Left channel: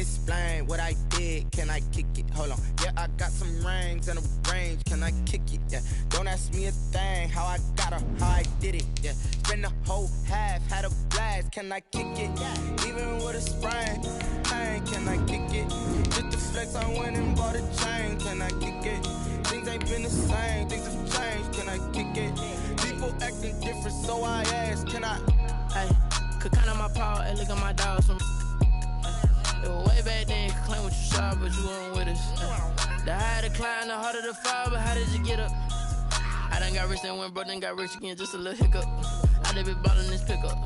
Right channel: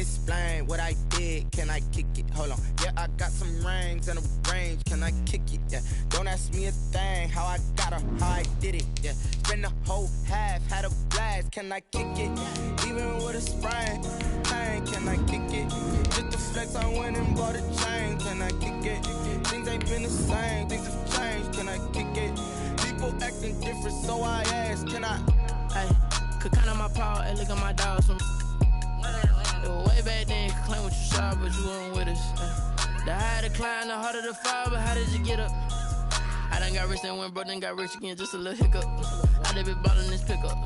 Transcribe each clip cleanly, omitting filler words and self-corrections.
explain what I did. Can I kick it? Hold on. Yeah, I got some rings and a range. Can I kick it? Yeah. Don't ask me a thing. How I got her, how I did it. Yeah. Spend the whole half, had a blast. Can I kick it? Even with a sprain. Hey, can I kick it? Just the flex, I went and bought a chain. Can I kick it? Things ain't been the same. Things have changed. Can I kick it? People acting different, so I ask. Can I? Hey, could count on my power and look at my dogs from. It was way back then, could claim what you saw, but you weren't with us. The higher the climb, the harder the fall, but how did you get up? I done got rich and went broke, then got rich again, just a little hiccup. I done been ballin' this pickup.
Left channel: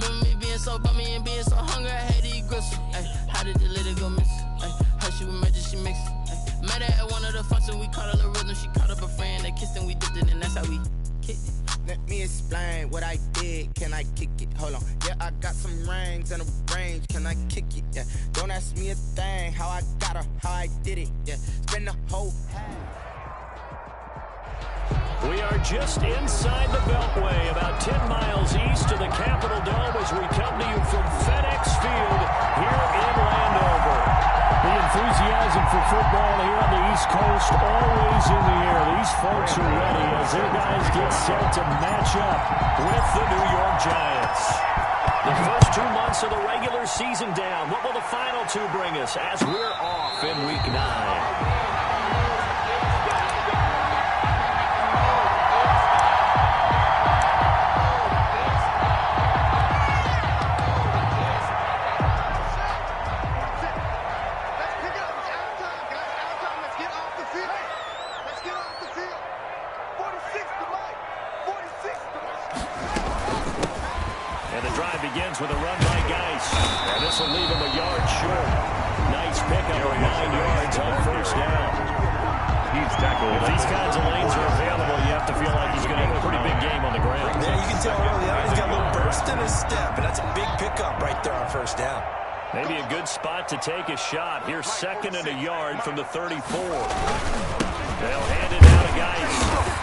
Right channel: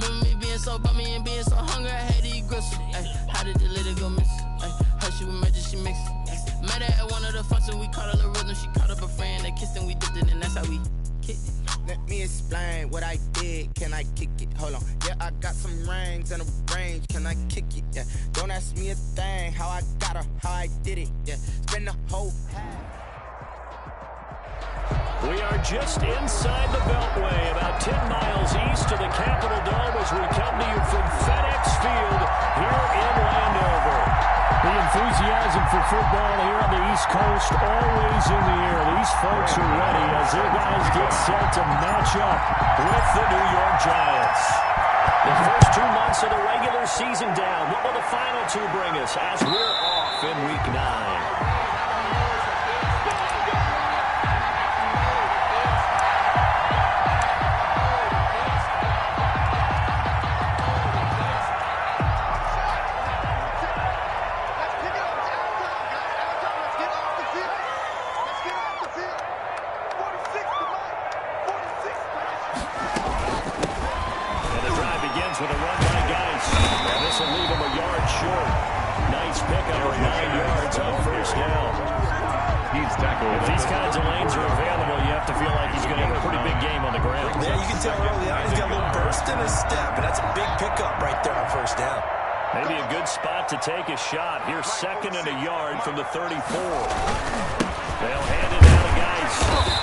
Remember me being so bummy and being so hungry, I had to eat gristle. Ay, how did the little go miss? Ay, her she was magic, she mixed. Ay, met her at one of the functions, we caught a little rhythm, she caught up a friend, they kissed and we dipped it, and that's how we kicked it. Let me explain what I did. Can I kick it? Hold on. Yeah, I got some rings and a range. Can I kick it? Yeah. Don't ask me a thing. How I got her, how I did it. Yeah. Spend the whole half. We are just inside the Beltway, about 10 miles east of the Capitol Dome as we come to you from FedEx Field here in Landover. The enthusiasm for football here on the East Coast always in the air. These folks are ready as their guys get set to match up with the New York Giants. The first 2 months of the regular season down. What will the final 2 bring us as we're off in Week 9? With a run by Geis. And this will leave him a yard short. Nice pickup of 9 yards on first down. He's tackled. If these kinds of lanes are available, you have to feel like he's going to have a pretty big game on the ground. Yeah, you can tell early on he's got a little burst in his step, and that's a big pickup right there on first down. Maybe a good spot to take a shot. Here's 2nd and a yard from the 34. They'll hand it out to Geis,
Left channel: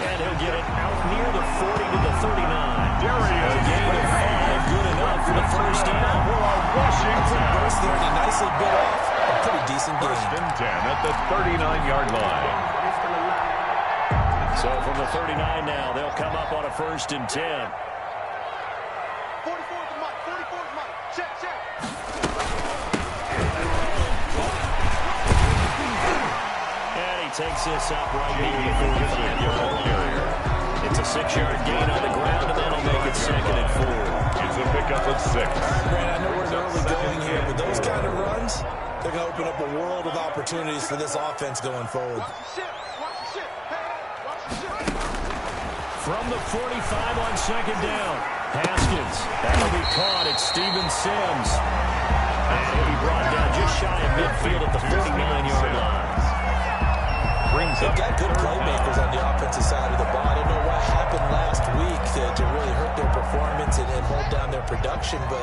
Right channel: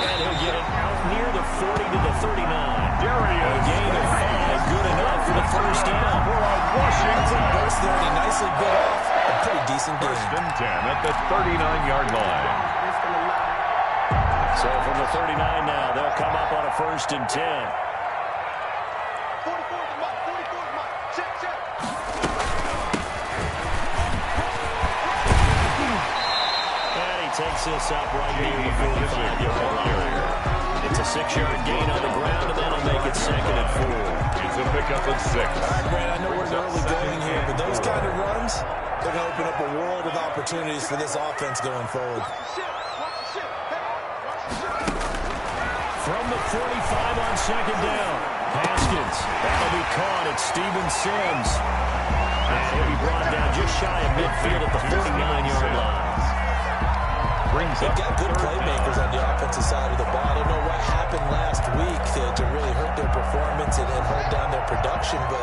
and he'll get it out near the 40 to the 39. A gain of 5, good enough for the first down. Washington. Burst there, and he nicely bit off a pretty decent gain. 1st and 10 at the 39-yard line. So from the 39 now, they'll come up on a 1st and 10. 44's Mike, 44's Mike. Check, check. And he takes this up right near the 45-yard line. It's a 6-yard gain on the ground, and that'll make it 2nd and 4. It's a pickup of 6. All right, Grant, I know we're in early going here, but those kind of runs, they're going to open up a world of opportunities for this offense going forward. Watch the ship. Watch the ship. Hey, watch the ship. From the 45 on 2nd down, Haskins. That'll be caught. It's Steven Sims. And he'll be brought down just shy of midfield at the 49-yard line. They've got good playmakers on the offensive side of the ball. I don't know what happened last week to really hurt their performance and hold down their production, but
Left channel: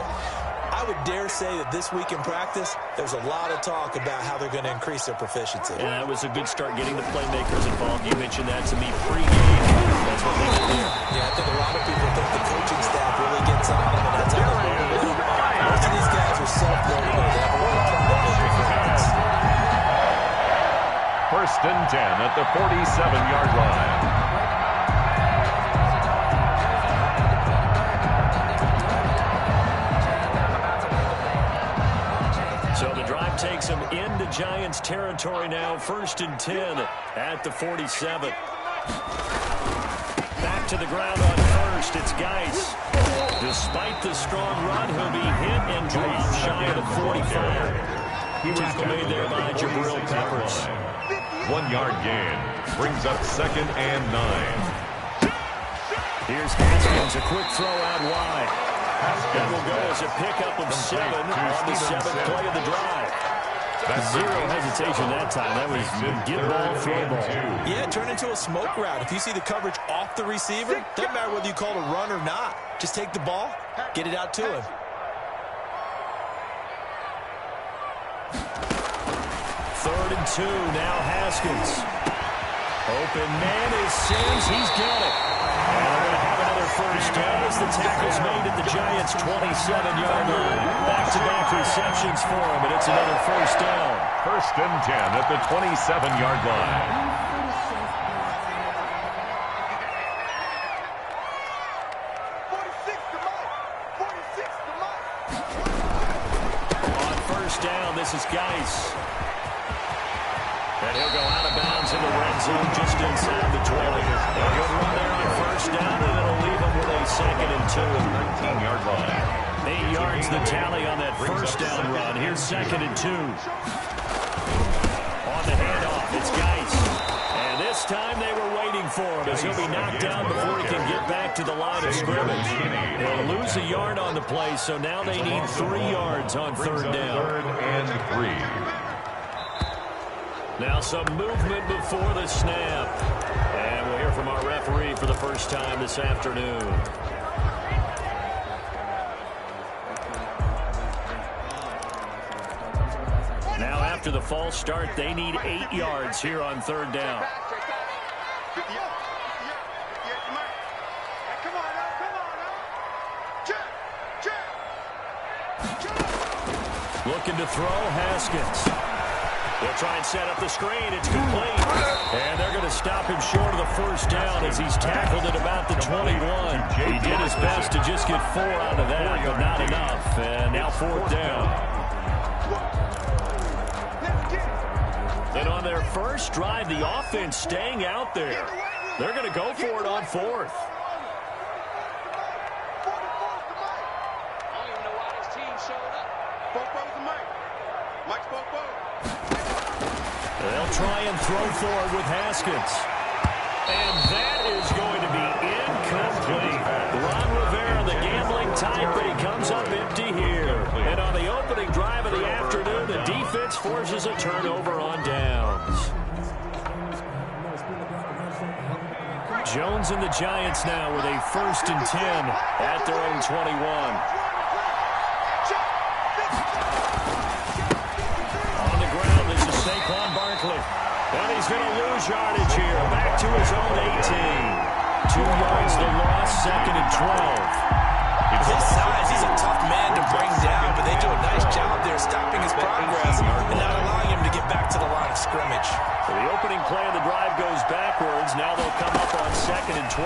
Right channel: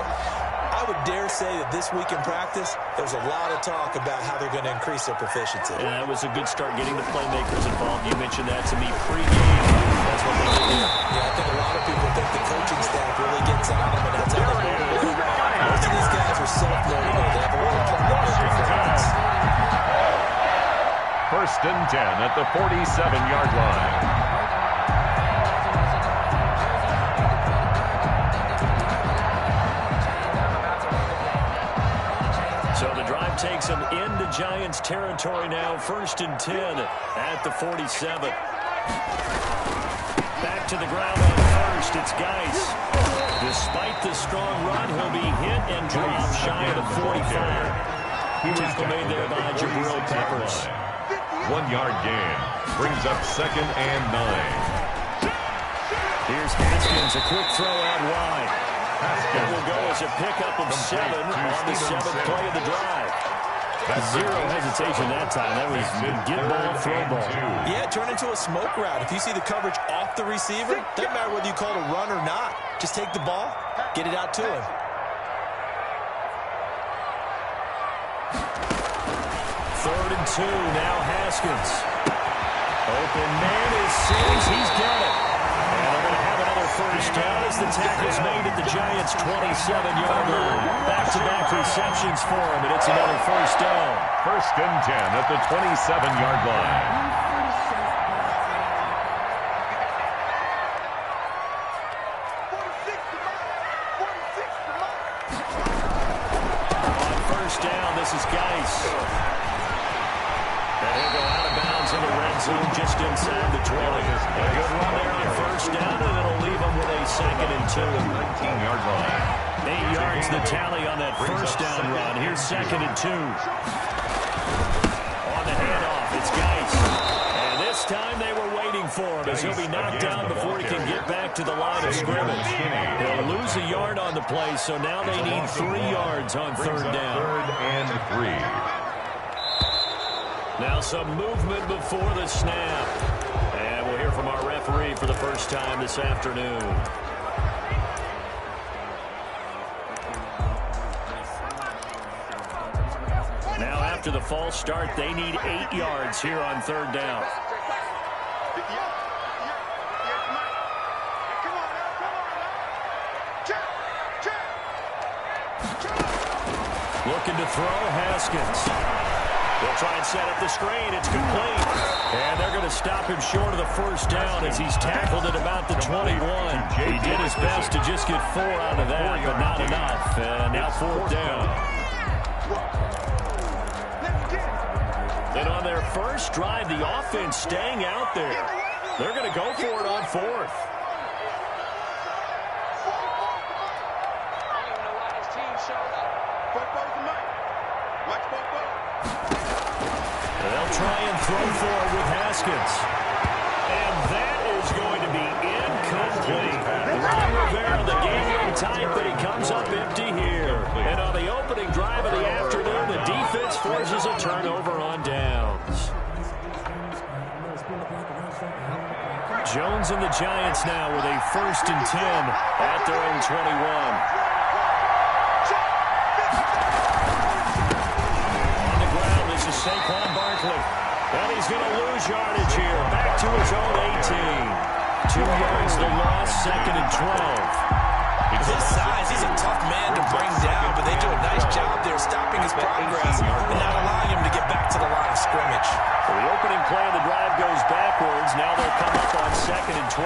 I would dare say that this week in practice, there's a lot of talk about how they're going to increase their proficiency. And that was a good start getting the playmakers involved. You mentioned that to me pregame. That's what they did there. Yeah, I think a lot of people think the coaching staff really gets on them, and that's how they motivate. Most of these guys are self-motivated. They have a lot of pride in their performance. 1st and 10 at the 47-yard line. So the drive takes them into Giants territory now. 1st and 10 at the 47. Back to the ground on 1st. It's Geis. Despite the strong run, he'll be hit and dropped shy of the 45. Tackle made there by Jabril Peppers. 1-yard gain brings up 2nd and 9. Here's Haskins, a quick throw out wide. That will go as a pickup of 7 on the 7th play of the drive. Zero hesitation that time. That was get ball, throw ball. Yeah, turn into a smoke route. If you see the coverage off the receiver, doesn't matter whether you call it a run or not. Just take the ball, get it out to him. 3rd and 2, now Haskins. Open man is Sims. He's got it. And they're going to have another first down as the tackle's made at the Giants' 27-yard line. Back-to-back receptions for him, and it's another first down. 1st and 10 at the 27-yard line. 46 to Mike. 46 to Mike. On first down, this is Geis. And he'll go out of bounds in the red zone just inside the 20. A good run there on first down, and it'll leave him with a 2nd and 2. 19-yard line. 8 yards the tally on that first down run. Here's 2nd and 2. On the handoff, it's Geis. And this time they were waiting for him as he'll be knocked down before he can get back to the line of scrimmage. He'll lose a yard on the play, so now they need 3 yards on 3rd down. 3rd and 3. Now some movement before the snap. And we'll hear from our referee for the first time this afternoon. Now after the false start, they need 8 yards here on 3rd down. 58 to Mike. Hey, come on now, come on now. Check. Looking to throw, Haskins. They'll try and set up the screen. It's complete. And they're going to stop him short of the first down as he's tackled at about the 21. He did his best to just get 4 out of that, but not enough. And now 4th down. And on their first drive, the offense staying out there. They're going to go for it on 4th. 44 to Mike. I don't even know why this team showed up. 44 to Mike. Mike's 44. They'll try and throw forward with Haskins. And that is going to be incomplete. Ron Rivera, the gambling type, but he comes up empty here. And on the opening drive of the afternoon, the defense forces a turnover on downs. Jones and the Giants now with a 1st and 10 at their own 21. Saquon Barkley. And he's going to lose yardage here. Back to his own 18. 2 yards the loss, 2nd and 12. His size, he's a tough man to bring down, but they do a nice job there stopping his progress and not allowing him to get back to the line of scrimmage. So the opening play of the drive goes backwards. Now they'll come up on 2nd and 12.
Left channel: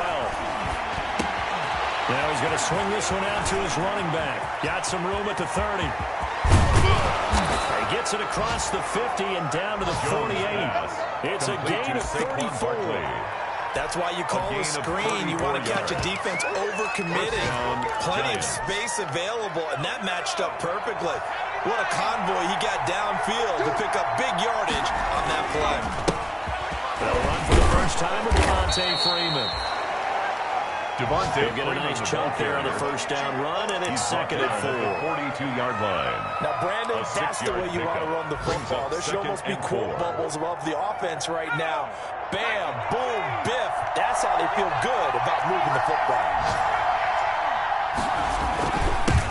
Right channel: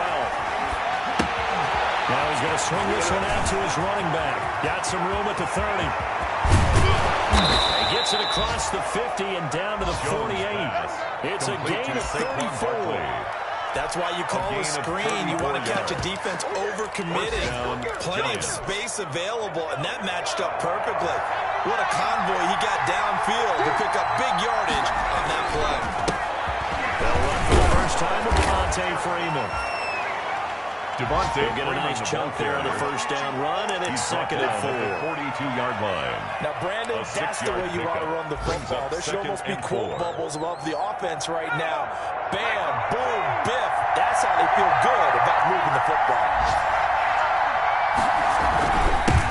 Now he's going to swing this one out to his running back. Got some room at the 30. He gets it across the 50 and down to the 48. It's a gain of 34. That's why you call a screen. You want to catch a defense overcommitting. Plenty of space available, and that matched up perfectly. What a convoy he got downfield to pick up big yardage on that play. They'll run for the first time with Devontae Freeman. Devontae get a nice chunk there on the first down run, and it's 2nd and 4. 42-yard line. Now, Brandon, that's the way you want to run the football. There should almost be quote bubbles above the offense right now. Bam, boom, biff. That's how they feel good about moving the football.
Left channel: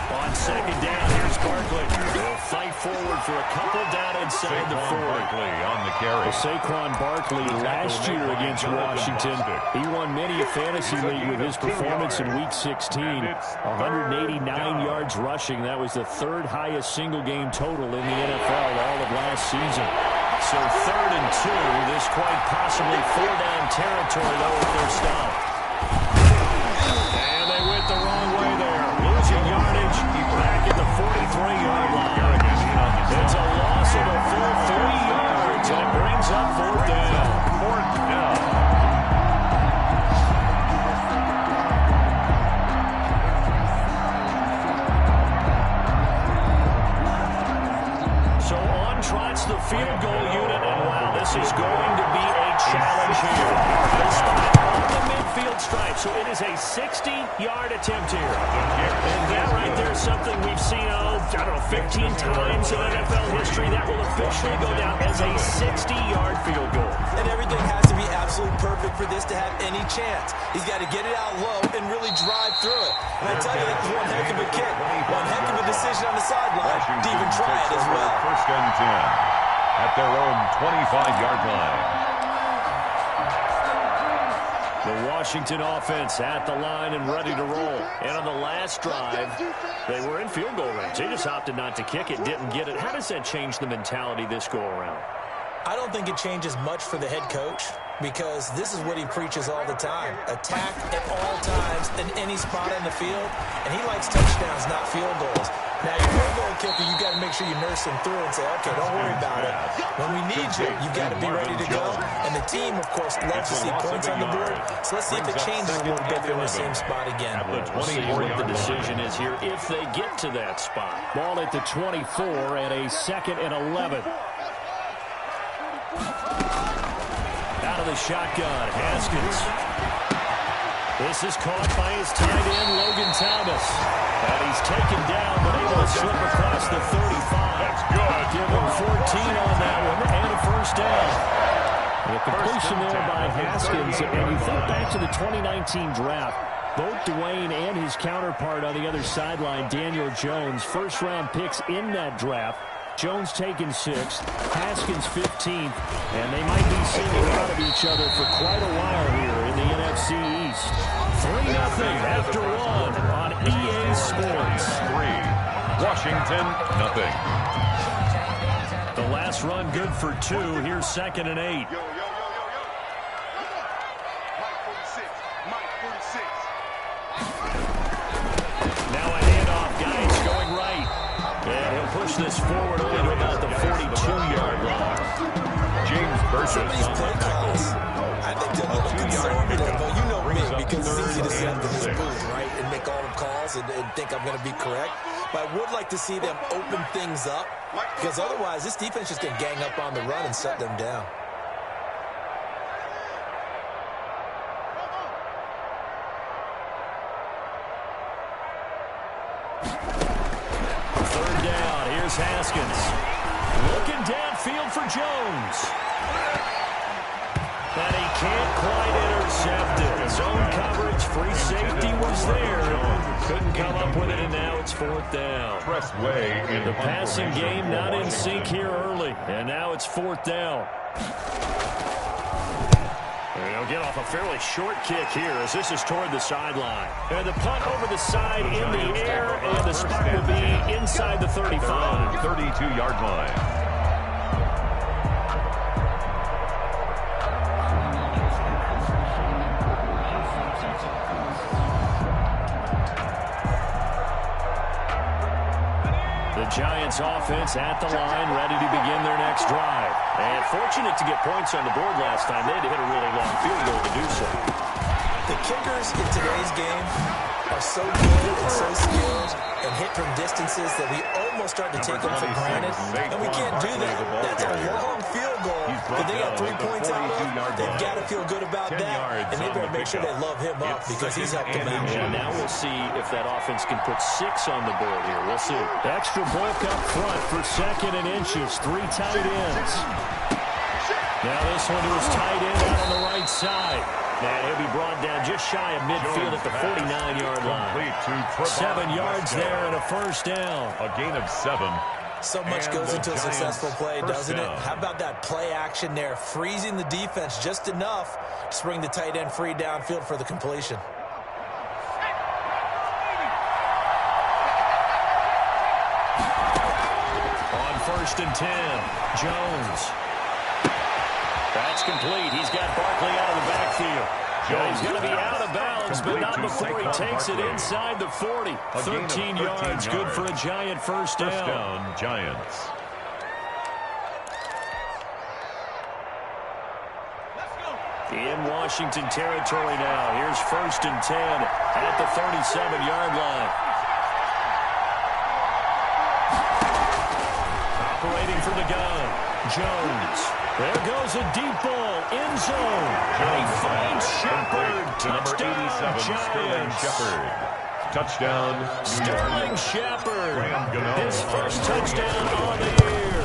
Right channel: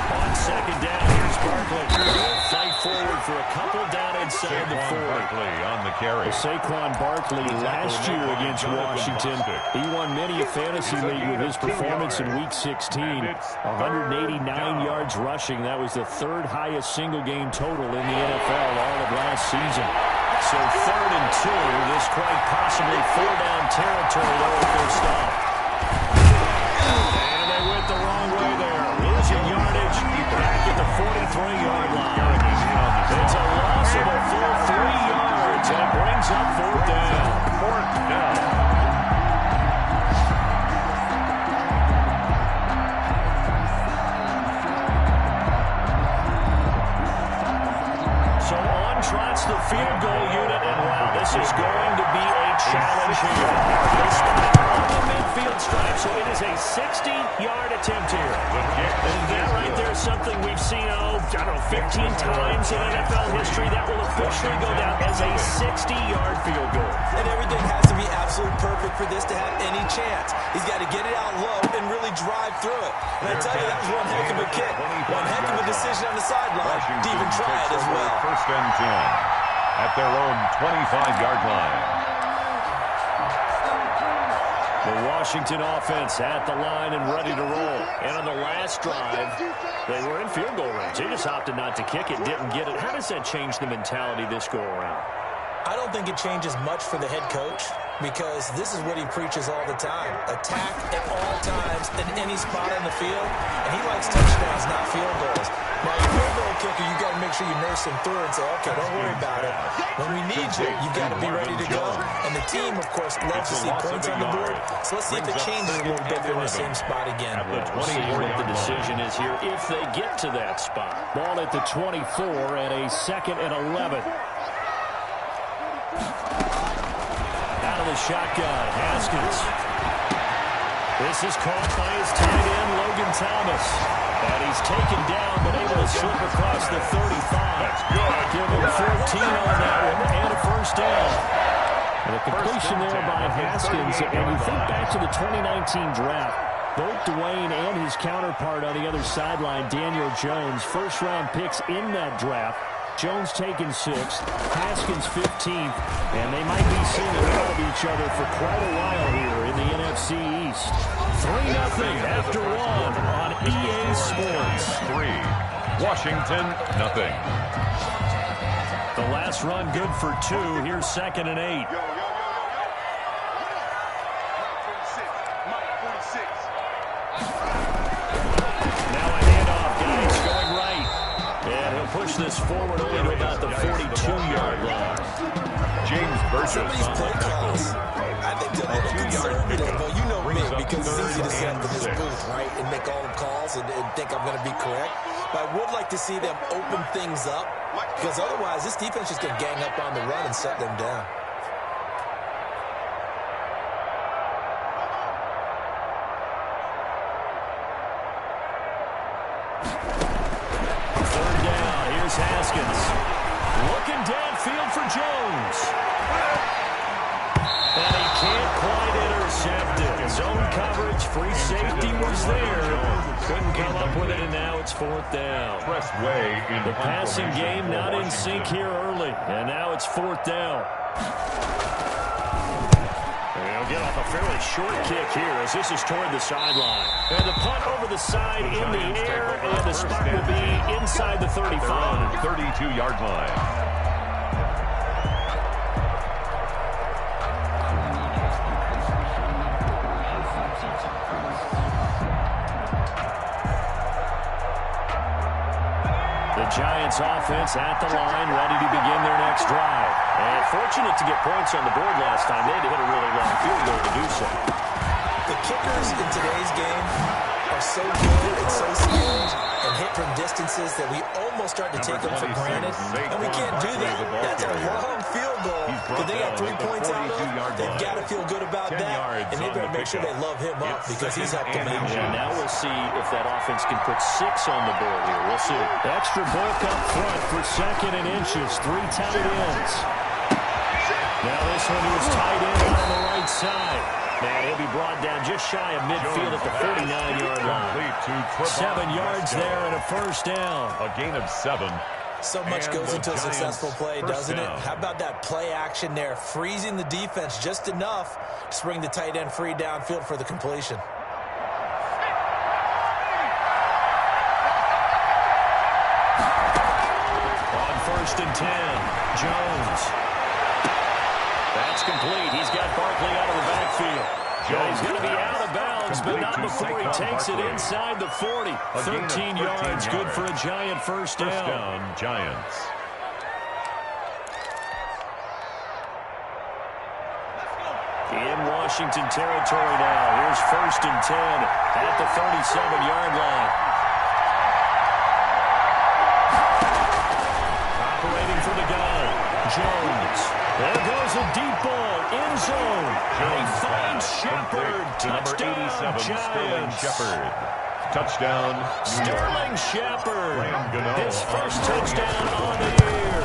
On 2nd down, here's Barkley. They'll fight forward for a couple down inside the 40. Barkley on the carry. Well, Saquon Barkley last year against Washington, he won many a fantasy league with his performance in Week 16. 189 yards rushing. That was the 3rd highest single-game total in the NFL all of last season. So 3rd and 2. This quite possibly 4-down territory, though, if they're stopped. And they went the wrong way there. Losing yardage back at the 43-yard line. It's a loss of a full 3 yards, and it brings up 4th down. 4th down. So on trots the field goal unit, and wow, this is going to be a challenge here. They spot on the midfield stripe, so it is a 60-yard attempt here. And that right there is something we've seen, I don't know, 15 times in NFL history. That will officially go down as a 60-yard field goal. And everything has to be absolutely perfect for this to have any chance. He's got to get it out low and really drive through it. And I tell you, that was one heck of a kick. One heck of a decision on the sideline to even try it as well. 1st and 10 at their own 25-yard line. The Washington offense at the line and ready to roll. And on the last drive, they were in field goal range. They just opted not to kick it, didn't get it. How does that change the mentality this go-around? I don't think it changes much for the head coach because this is what he preaches all the time. Attack at all times in any spot on the field, and he likes touchdowns, not field goals. Now, your field goal kicker, you got to make sure you nurse him through and say, okay, don't worry about it. When we need you, you got to be ready to go. And the team, of course, loves to see points on the board. So let's see if it changes a little bit in the same spot again. We'll see what the decision is here if they get to that spot. Ball at the 24 and a 2nd and 11. Out of the shotgun, Haskins. This is caught by his tight end, Logan Thomas. And he's taken down, but able to slip across the 35. That's good. Give him 14 on that one, and a first down. And a completion there by Haskins. And you think back to the 2019 draft, both Dwayne and his counterpart on the other sideline, Daniel Jones, first-round picks in that draft. Jones taken 6th, Haskins 15th, and they might be seeing a lot of each other for quite a while here in the NFC East. 3-0 after 1 on EA Sports. 3, Washington, nothing. The last run good for 2. Here's 2nd and 8. Yo, yo, yo, yo, yo. Mike 46. Now a handoff, guys, going right. And he'll push this forward only to about the 42-yard line. James Burgess These on play the calls, tackle. I think they're a little 2-yard conservative, pickup. but you know me, Brings up because it's easy to 3rd sit up in and this 6. booth, right, and make all the calls and think I'm going to be correct. But I would like to see them open things up, because otherwise this defense just going to gang up on the run and shut them down. Haskins looking downfield for Jones. And he can't quite intercept it. Zone coverage, free safety was there. Couldn't come up with it, and now it's 4th down. The passing game not in sync here early, and now it's 4th down. And he'll get off a fairly short kick here as this is toward the sideline. And the punt over the side in the air, and the spot will be inside the 35. 32-yard line. The Giants offense at the line, ready to begin their next drive. And fortunate to get points on the board last time. They had to hit a really long field goal to do so. The kickers in today's game are so good and so skilled and hit from distances that we almost start to take them for granted. And we can't do that. That's a long field goal. But they got 3 points out of. They've got to feel good about that. And they better make sure they love him up because he's helped them out. Yeah, now we'll see if that offense can put 6 on the board here. We'll see. Extra bulk up front for 2nd and inches. 3 tight ends. Now this one to his tight end out on the right side. And he'll be brought down just shy of midfield at the 49-yard line. 7 yards there and a first down. A gain of 7. So much goes into a successful play, doesn't it? How about that play action there, freezing the defense just enough to bring the tight end free downfield for the completion. On 1st and 10, Jones. That's complete. He's got Barkley out of the backfield. He's going to be out of bounds, but not before he takes it inside the 40. 13 yards, good for a Giant first down. First down, Giants. In Washington territory now. Here's 1st and 10 at the 37-yard line. Operating for the gun, Jones. There goes a deep ball, end zone. And he finds Shepard. Touchdown, Sterling Shepard. Touchdown, Sterling Shepard. Gano. His first touchdown on the year.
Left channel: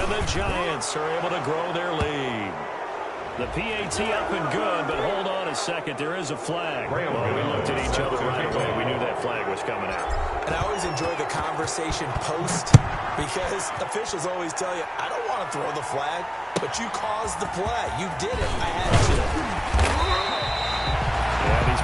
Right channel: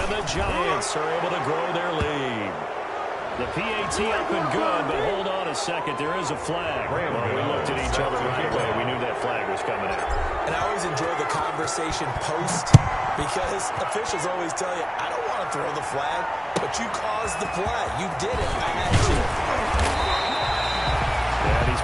And the Giants are able to grow their lead. The PAT up and good, but hold on a second. There is a flag. Well, we looked at each other right away. We knew that flag was coming out. And I always enjoy the conversation post because officials always tell you, I don't want to throw the flag, but you caused the play. You did it. I had to.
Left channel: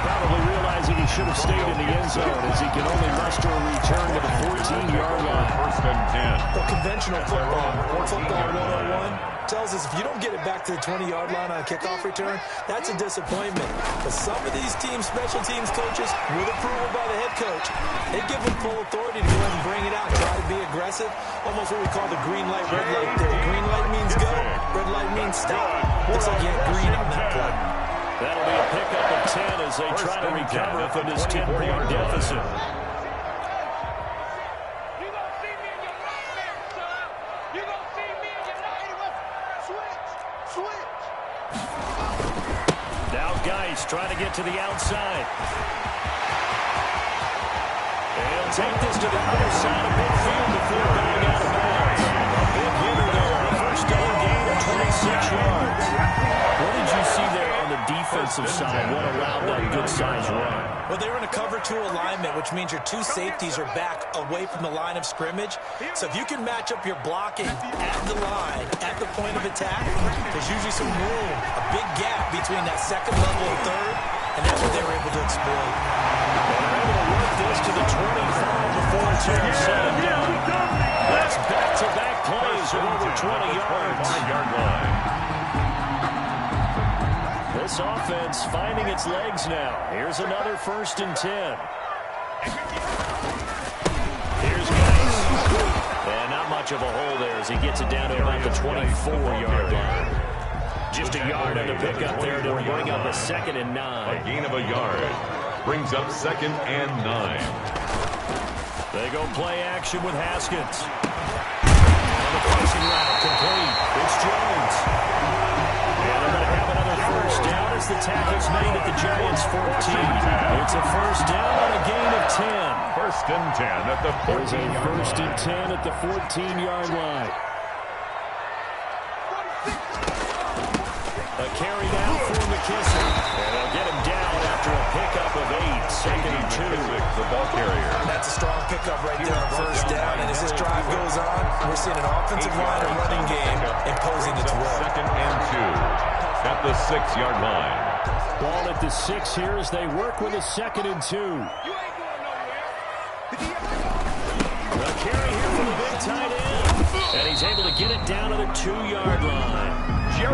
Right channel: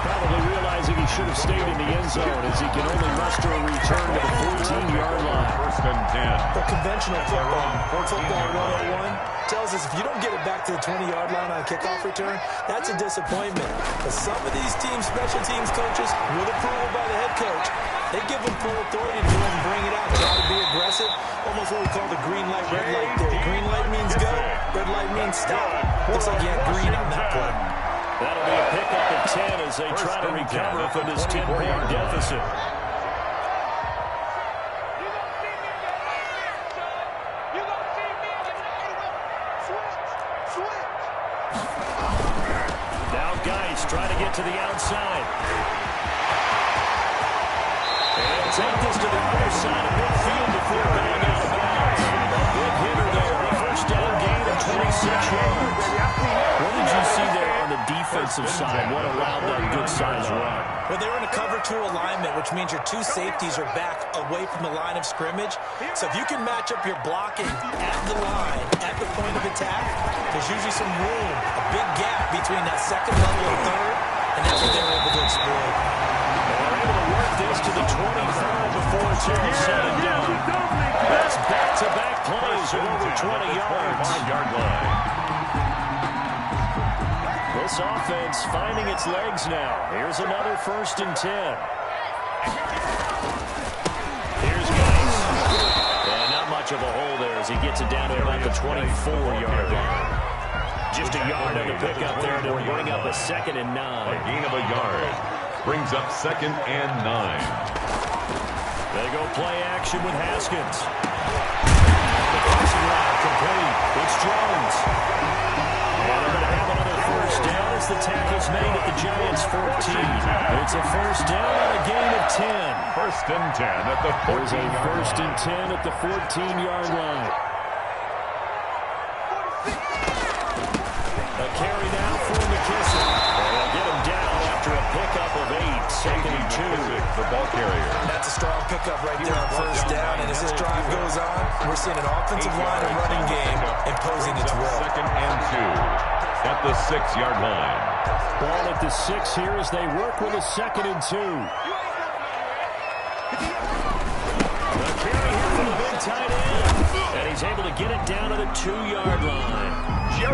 probably realizing he should have stayed in the end zone as he can only muster a return to the 14-yard line. First and 10. The conventional football 101 tells us if you don't get it back to the 20-yard line on a kickoff return, that's a disappointment. But some of these teams, special teams coaches, with approval by the head coach, they give them full authority to go ahead and bring it out, try to be aggressive, almost what we call the green light, red light theory. Green light means go, red light means stop. Looks like you had green on that play. That'll be a pickup of 10 as they try to recover from this 10-point deficit. You gonna see me in your nightmare, son. You gonna see me in your nightmare. Switch. Now Geis trying to get to the outside. They'll take this to the other side of midfield before going out of bounds. A big hitter there. A first down gain of 26 yards. What did you see there on the defensive side? What allowed that good-sized run? Well, they were in a cover 2 alignment, which means your 2 safeties are back away from the line of scrimmage. So if you can match up your blocking at the line, at the point of attack, there's usually some room, a big gap between that second level and third, and that's what they were able to exploit. And they're able to work this to the 25 before it's all said and done. That's back-to-back plays of over 20 yards. 5-yard line. This offense finding its legs now. Here's another first and 10. Here's Geis. And not much of a hole there as he gets it down to about the 24-yard line. Just a yard on the pickup there to bring up a 2nd and 9. A gain of a yard. Brings up 2nd and 9. They go play action with Haskins. On the crossing route, complete. It's Jones. And they're going to have another first down as the tackle's made at the Giants' 14. It's a first down on a gain of 10. First and 10 at the 14-yard line. There's a first and 10 at the 14-yard line. A carry now for McKissick. And they'll get him down after a pickup of 8. 2nd and 2. The ball carrier. That's a strong pickup right there on first down. And as this drive goes on, we're seeing an offensive line and running game imposing its will. 2nd and 2 at the 6-yard line. Ball at the 6 here as they work with a 2nd and 2. The carry here for the big tight end. And he's able to get it down to the 2-yard line. 4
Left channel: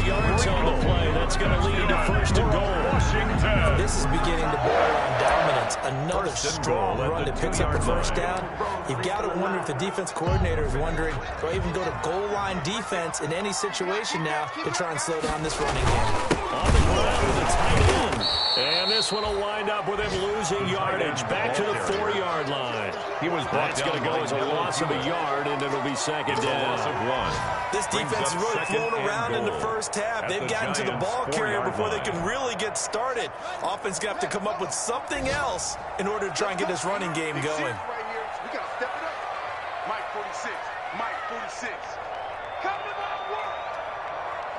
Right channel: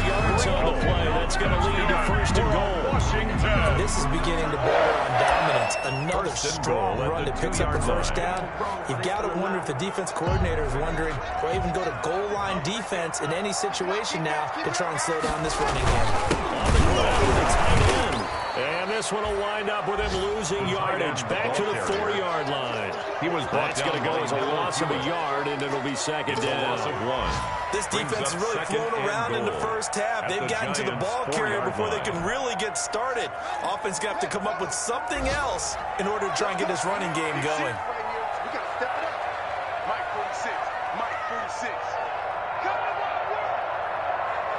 yards on the play. That's going to lead to first and goal. Washington. This is beginning to border on dominance. Another strong run that picks up the first down. You've got to wonder if the defense coordinator is wondering, do I even go to goal line defense in any situation now to try and slow down this running game? On the ground with a tight end. And this one will wind up with him losing yardage back to the 4-yard line. He was brought That's going to go as a loss of a yard, and it'll be 2nd down. Loss of 1. This defense has really flown around in the first half. They've gotten to the ball carrier before they can really get started. Offense going to have to come up with something else in order to try and get this running game going. We got to step it up. Mike 46. Mike 46. Come to my work.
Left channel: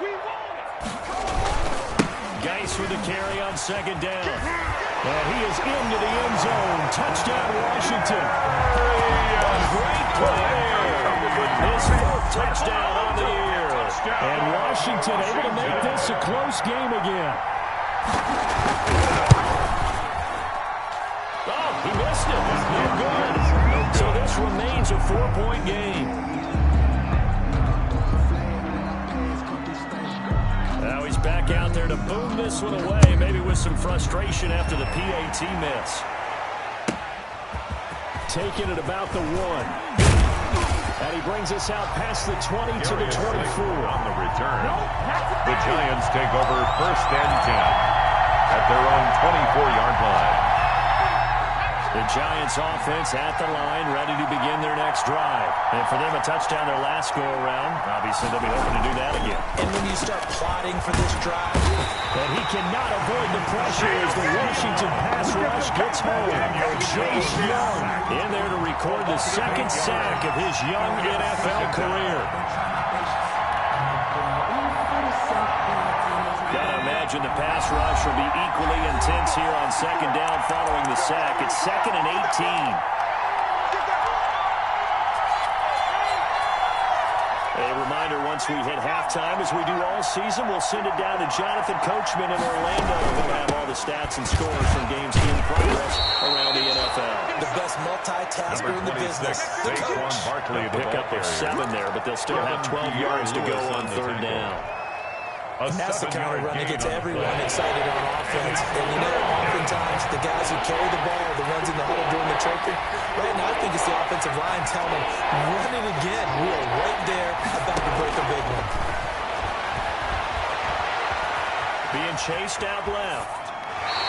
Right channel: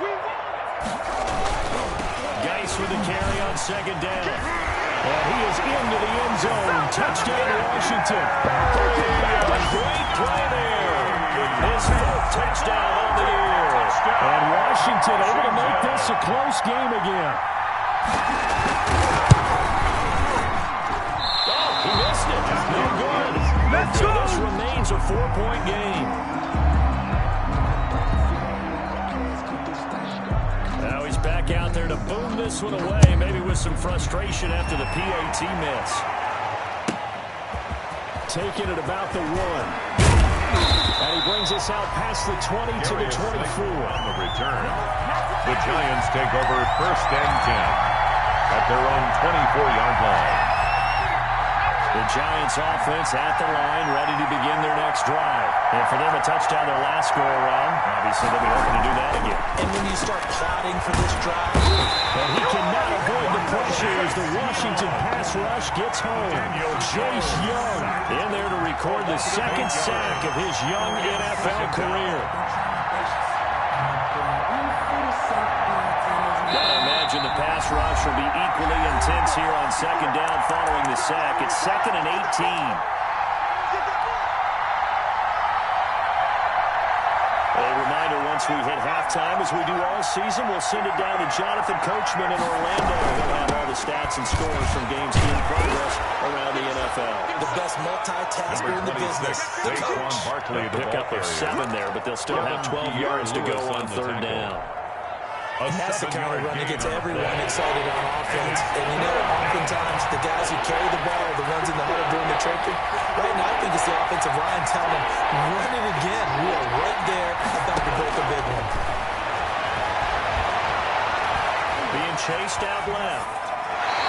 We want it. Geis with the carry on 2nd down. And he is into the end zone. Touchdown, Washington. A great play there. His 4th touchdown on the year. And Washington able to make this a close game again. Oh, he missed it. No good. So this remains a 4-point game. Now he's back out there to boom this one away, maybe with some frustration after the PAT miss. Taking it about the 1. And he brings us out past the 20 to the 24. On the return, the Giants take over 1st and 10 at their own 24-yard line. The Giants offense at the line, ready to begin their next drive. And for them, a touchdown their last go-around. Obviously, they'll be hoping to do that again. And when you start plotting for this drive, and he cannot avoid the pressure as the Washington pass rush gets home. Chase Young in there to record the 2nd sack of his young NFL career. Gotta imagine the pass rush will be equally intense here on 2nd down following the sack. It's 2nd and 18. A reminder, once we hit halftime, as we do all season, we'll send it down to Jonathan Coachman in Orlando. He'll have all the stats and scores from games in progress around the NFL. The best multitasker in the business. The coach. Barkley, the pick up a 7 there, but they'll still have 12 yards to go on third down. And that's the kind of run that gets everyone excited on offense. And you know, oftentimes the guys who carry the ball are the ones in the huddle doing the choking. Right now, I think it's the offensive line telling them, run it again. We are right there about to break a big one. Being chased out left.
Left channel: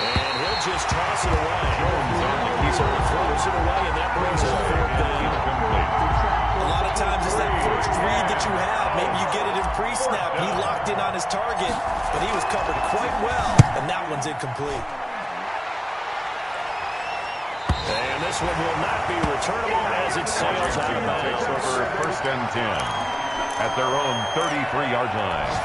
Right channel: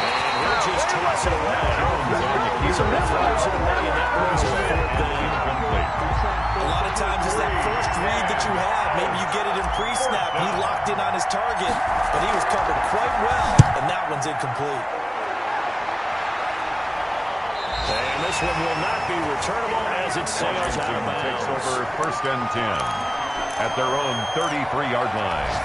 And he'll just toss it away. Jones on the keeper. So he throws it away, and that brings up fourth down. A lot of times it's that first read that you have. Maybe you get it in pre-snap. He locked in on his target, but he was covered quite well, and that one's incomplete. And this one will not be returnable as it sails out of bounds. Takes over first and 10 at their own 33-yard line.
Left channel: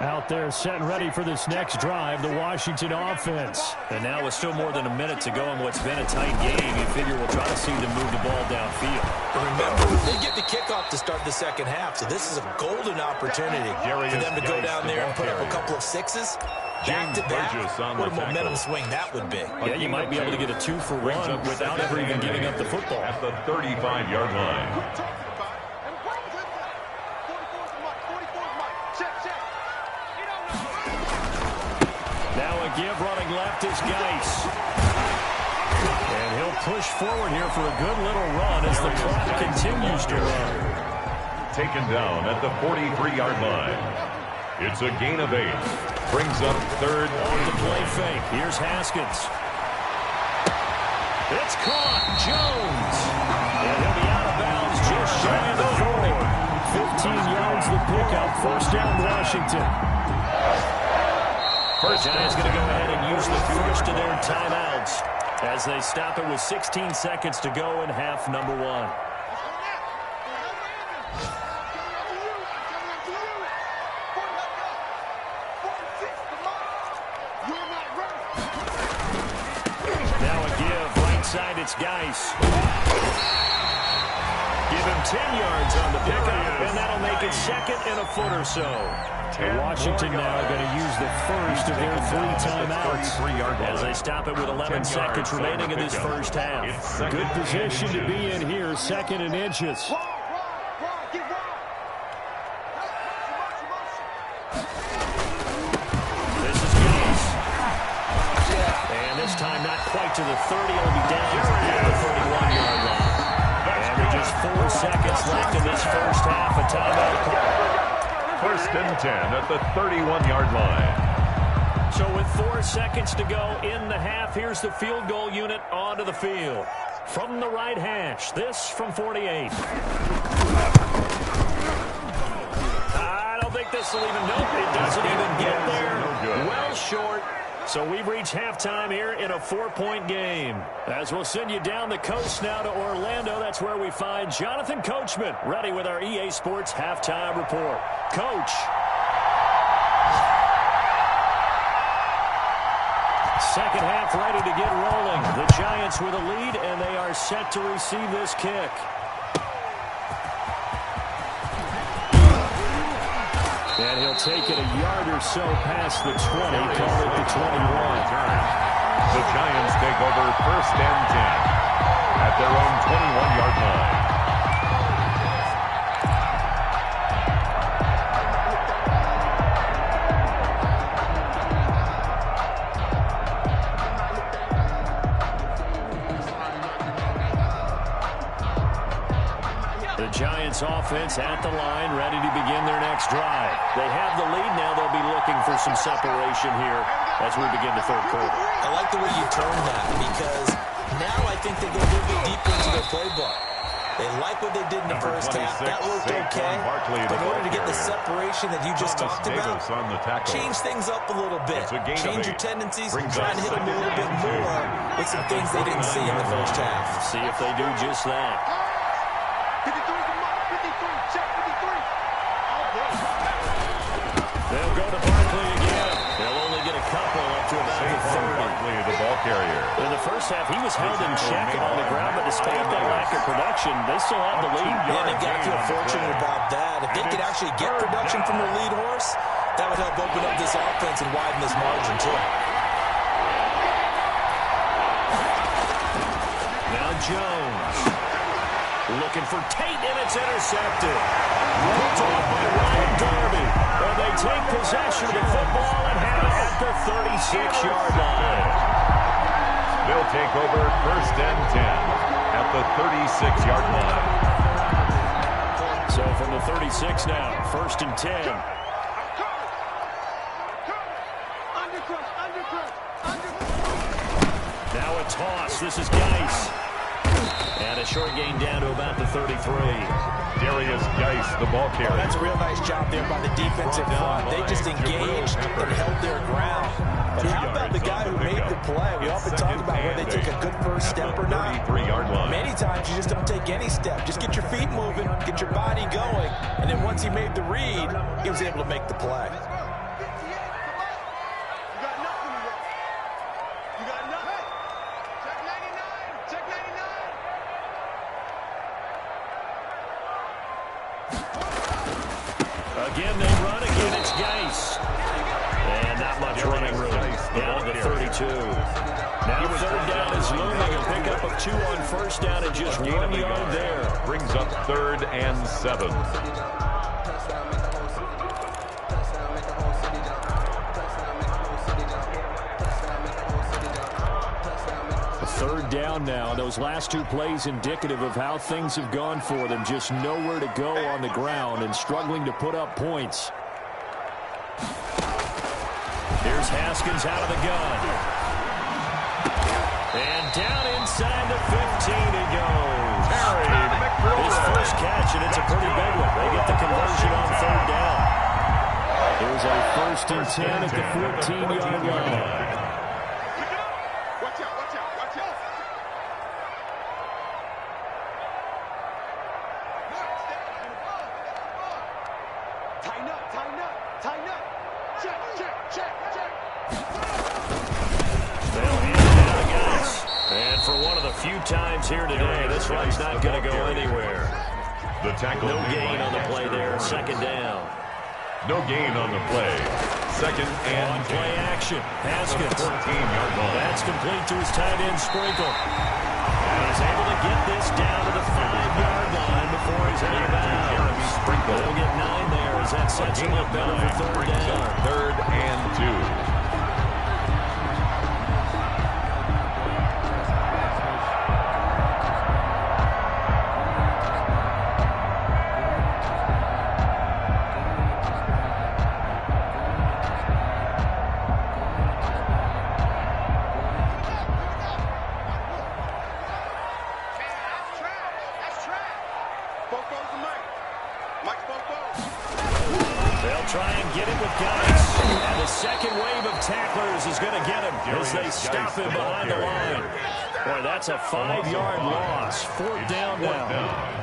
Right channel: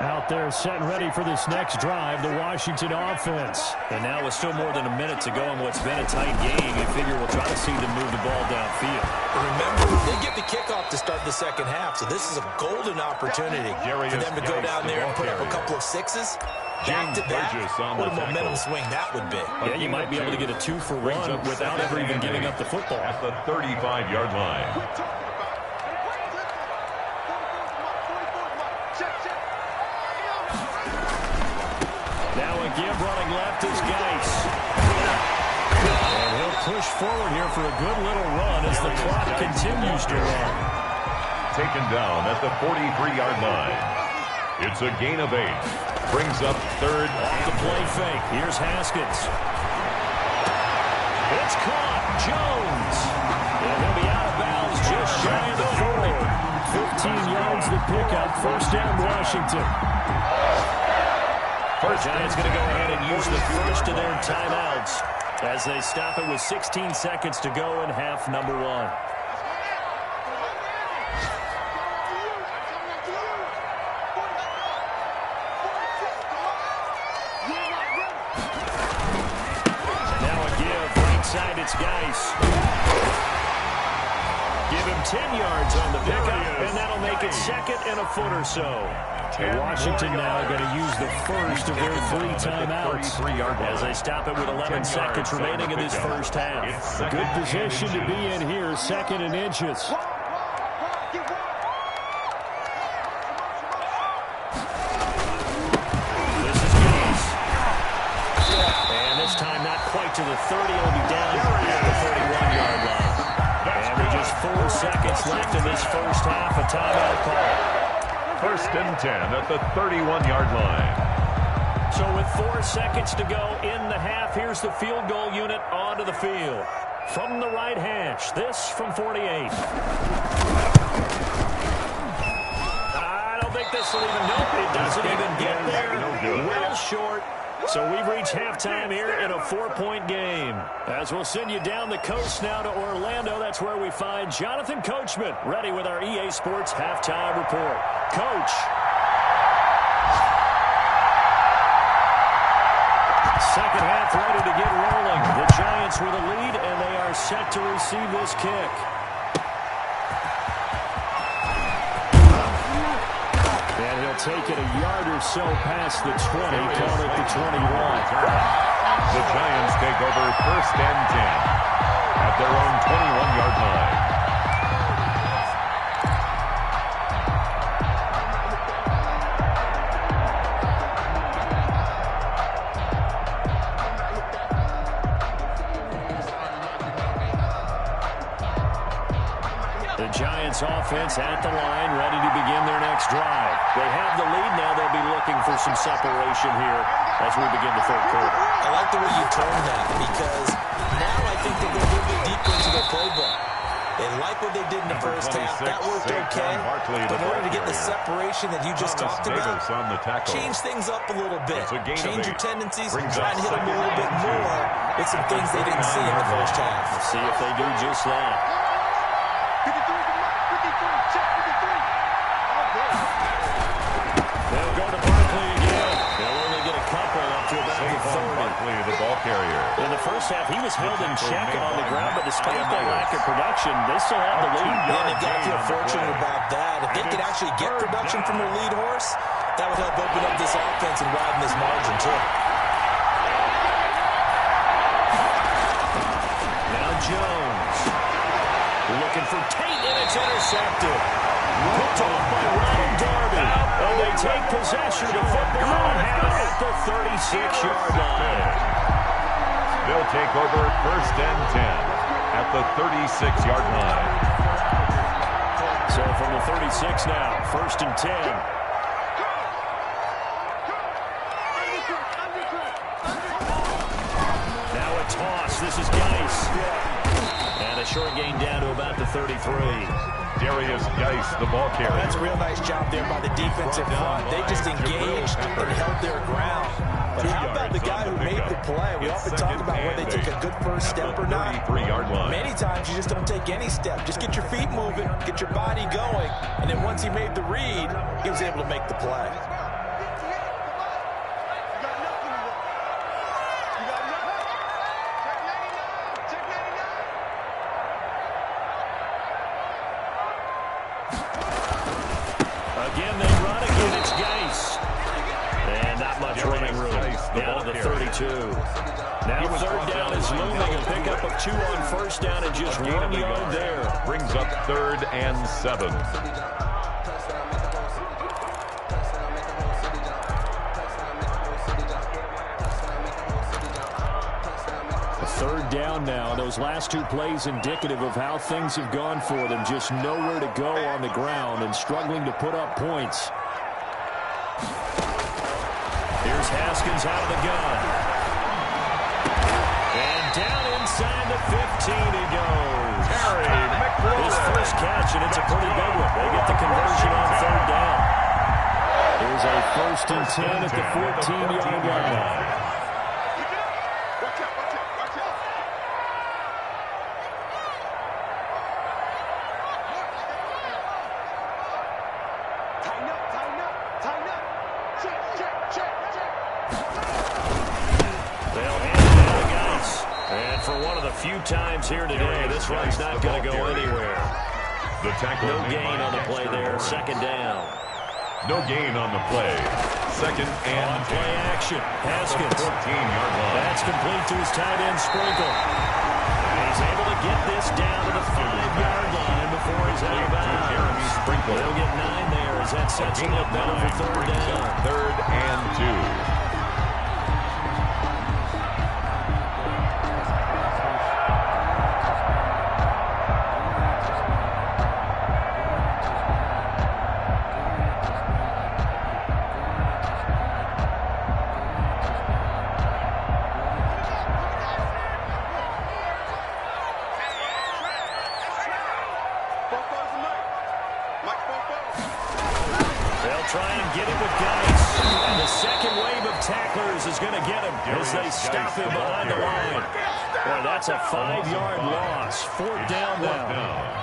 Out there set and ready for this next drive, the Washington offense. And now with still more than a minute to go in what's been a tight game, you figure we'll try to see them move the ball downfield. And remember, they get the kickoff to start the second half, so this is a golden opportunity for them to go down there and put up a couple of sixes. Back-to-back, what a momentum swing that would be. Yeah, you might be able to get a 2-for-1 without ever even giving up the football. At the 35-yard line. Now a give running left is Geis. And he'll push forward here for a good little run as the clock continues to run. Taken down at the 43-yard line. It's a gain of 8. Brings up third. Off the play fake. Here's Haskins. It's caught. Jones. And he'll be out of bounds just shy of the 40. 15 yards the pickup. First down Washington. The Giants going to go ahead and use the first of their timeouts as they stop it with 16 seconds to go in half number 1. Now a give. Right side, it's Geis. Give him 10 yards on the pickup, and that'll make it second and a foot or so. Washington now going to use the first of their 3 timeouts as they stop it with 11 seconds remaining in this first half. Good position to be in here, second and inches. This is Geis. And this time not quite to the 30. It'll be down at the 31-yard line. And with just 4 seconds left in this first half, a timeout call. First and 10 at the 31-yard line. So with 4 seconds to go in the half, here's the field goal unit onto the field. From the right hash, this from 48. I don't think this will even, nope, it doesn't even get there. No good. Well short. So we've reached halftime here in a 4-point game. As we'll send you down the coast now to Orlando, that's where we find Jonathan Coachman, ready with our EA Sports halftime report. Coach. Second half ready to get rolling. The Giants with a lead, and they are set to receive this kick. And he'll take it a yard or so past the 20, call it the 21. The Giants take over first and 10 at their own 21-yard line. The Giants offense at the line, ready to begin their next drive. They have the lead now. They'll be looking for some separation here as we begin the third quarter. I like the way you turned that because now I think they go a little bit deeper into their playbook. They like what they did in the first half. That worked okay. But in order to get the separation that you just talked about, change things up a little bit. Change your tendencies and try to hit them a little bit more with some things they didn't see in the first half. See if they do just that. 53 to Mike. 53. Check 53. Oh, boy. They'll go to Barkley 30. The ball carrier. In the first half, he was held in check on the ground, but despite that lack of production, they still have the lead. And they've got to feel fortunate about that. If they could actually get production from their lead horse, that would help open up this offense and widen this margin, too. Now Jones. Looking for Tate, and it's intercepted. Picked off by Ryan Darby. And they take possession of the football and have it at the 36-yard line. They'll take over 1st and 10 at the 36-yard line. So from the 36 now, 1st and 10. Now a toss. This is Geis. And a short gain down to about the 33. Darius Geis, the ball carrier. That's a real nice job there by the defensive front. They just engaged and held their ground. But how about the guy who made the play? We often talk about whether they take a good first step or not. 33-yard line. Many times you just don't take any step. Just get your feet moving, get your body going. And then once he made the read, he was able to make the play. Again, they run. Again, it's Geis. And not much running room. Down to the 32. Now 3rd down is looming. A pickup of 2 on 1st down and just 1 yard there. Brings up 3rd and 7. Third down now. Those last 2 plays indicative of how things have gone for them. Just nowhere to go on the ground and struggling to put up points. Here's Haskins out of the gun. And down inside the 15 he goes. Terry McLaurin. His first catch, and it's a pretty big one. They get the conversion on 3rd down. Here's a 1st and 10 at the 14-yard line. Few times here today, this run's not going to go anywhere. The tackle. No gain on the play there. 2nd down. No gain on the play. 2nd and on play action. Haskins. 14-yard line. That's complete to his tight end Sprinkle. And he's able to get this down to the 5-yard line before he's out of bounds. Jeremy Sprinkle. They'll get 9 there as that sets him up better for 3rd down. 3rd and 2. They'll try and get him with Geis. And the second wave of tacklers is going to get him as they stop him behind the line. Boy, that's a 5-yard loss. 4th down now.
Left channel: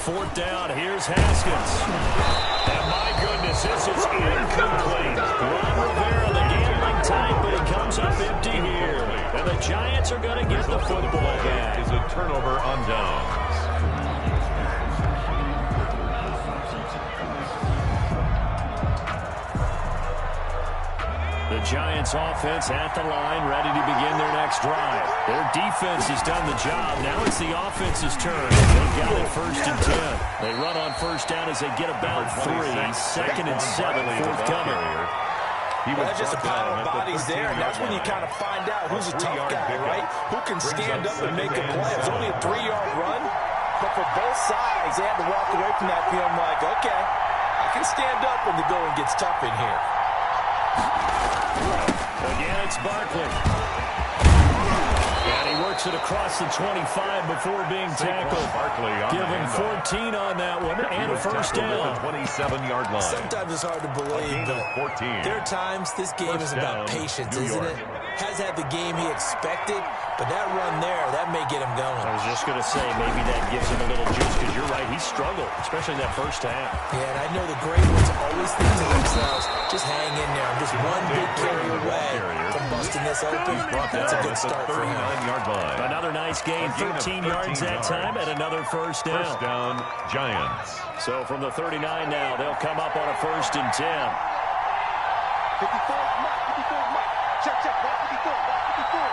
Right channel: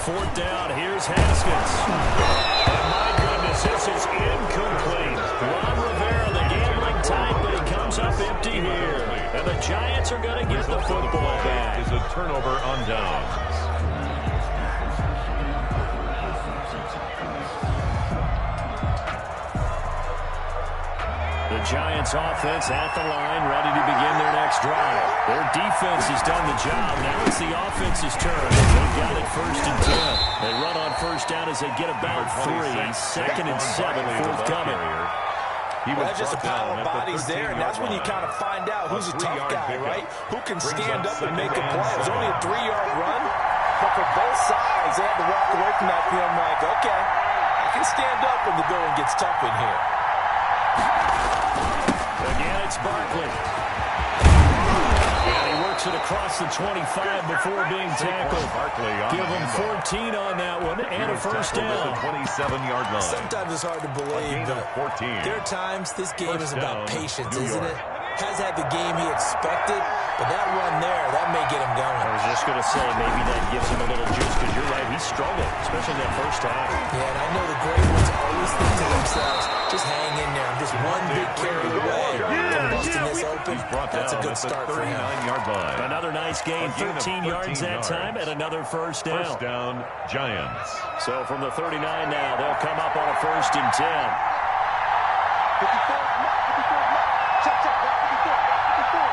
Fourth down, here's Haskins. And my goodness, this is incomplete. Ron Rivera, the gambling type, but he comes up empty here. And the Giants are going to get the football back. Is a turnover on downs. The Giants offense at the line, ready to begin their next drive. Their defense has done the job. Now it's the offense's turn. They've got it 1st and 10. They run on 1st down as they get about 3. 2nd and 7, forthcoming. Well, that's just a pile of bodies there, and that's when you kind of find out who's a tough guy, right? Who can stand up and make a play. It was only a 3-yard run, but for both sides, they had to walk away from that feeling like, okay, I can stand up when the going gets tough in here. Again, it's Barkley. And he works it across the 25 before being tackled. Give him 14 on that one and a first down. 27-yard line. Sometimes it's hard to believe, but there are times this game is about patience, isn't it? Has had the game he expected, but that run there, that may get him going. I was just going to say, maybe that gives him a little juice, because you're right, he struggled, especially in that first half. Yeah, and I know the great ones always think to themselves, just hang in there. I'm just one big carry away from busting this open. That's a good start for him. Line. Another nice gain, 13 yards that time, and another first down. First down, Giants. So from the 39 now, they'll come up on a 1st and 10. 54 mark, 54 mark. Check, block 54, block 54. All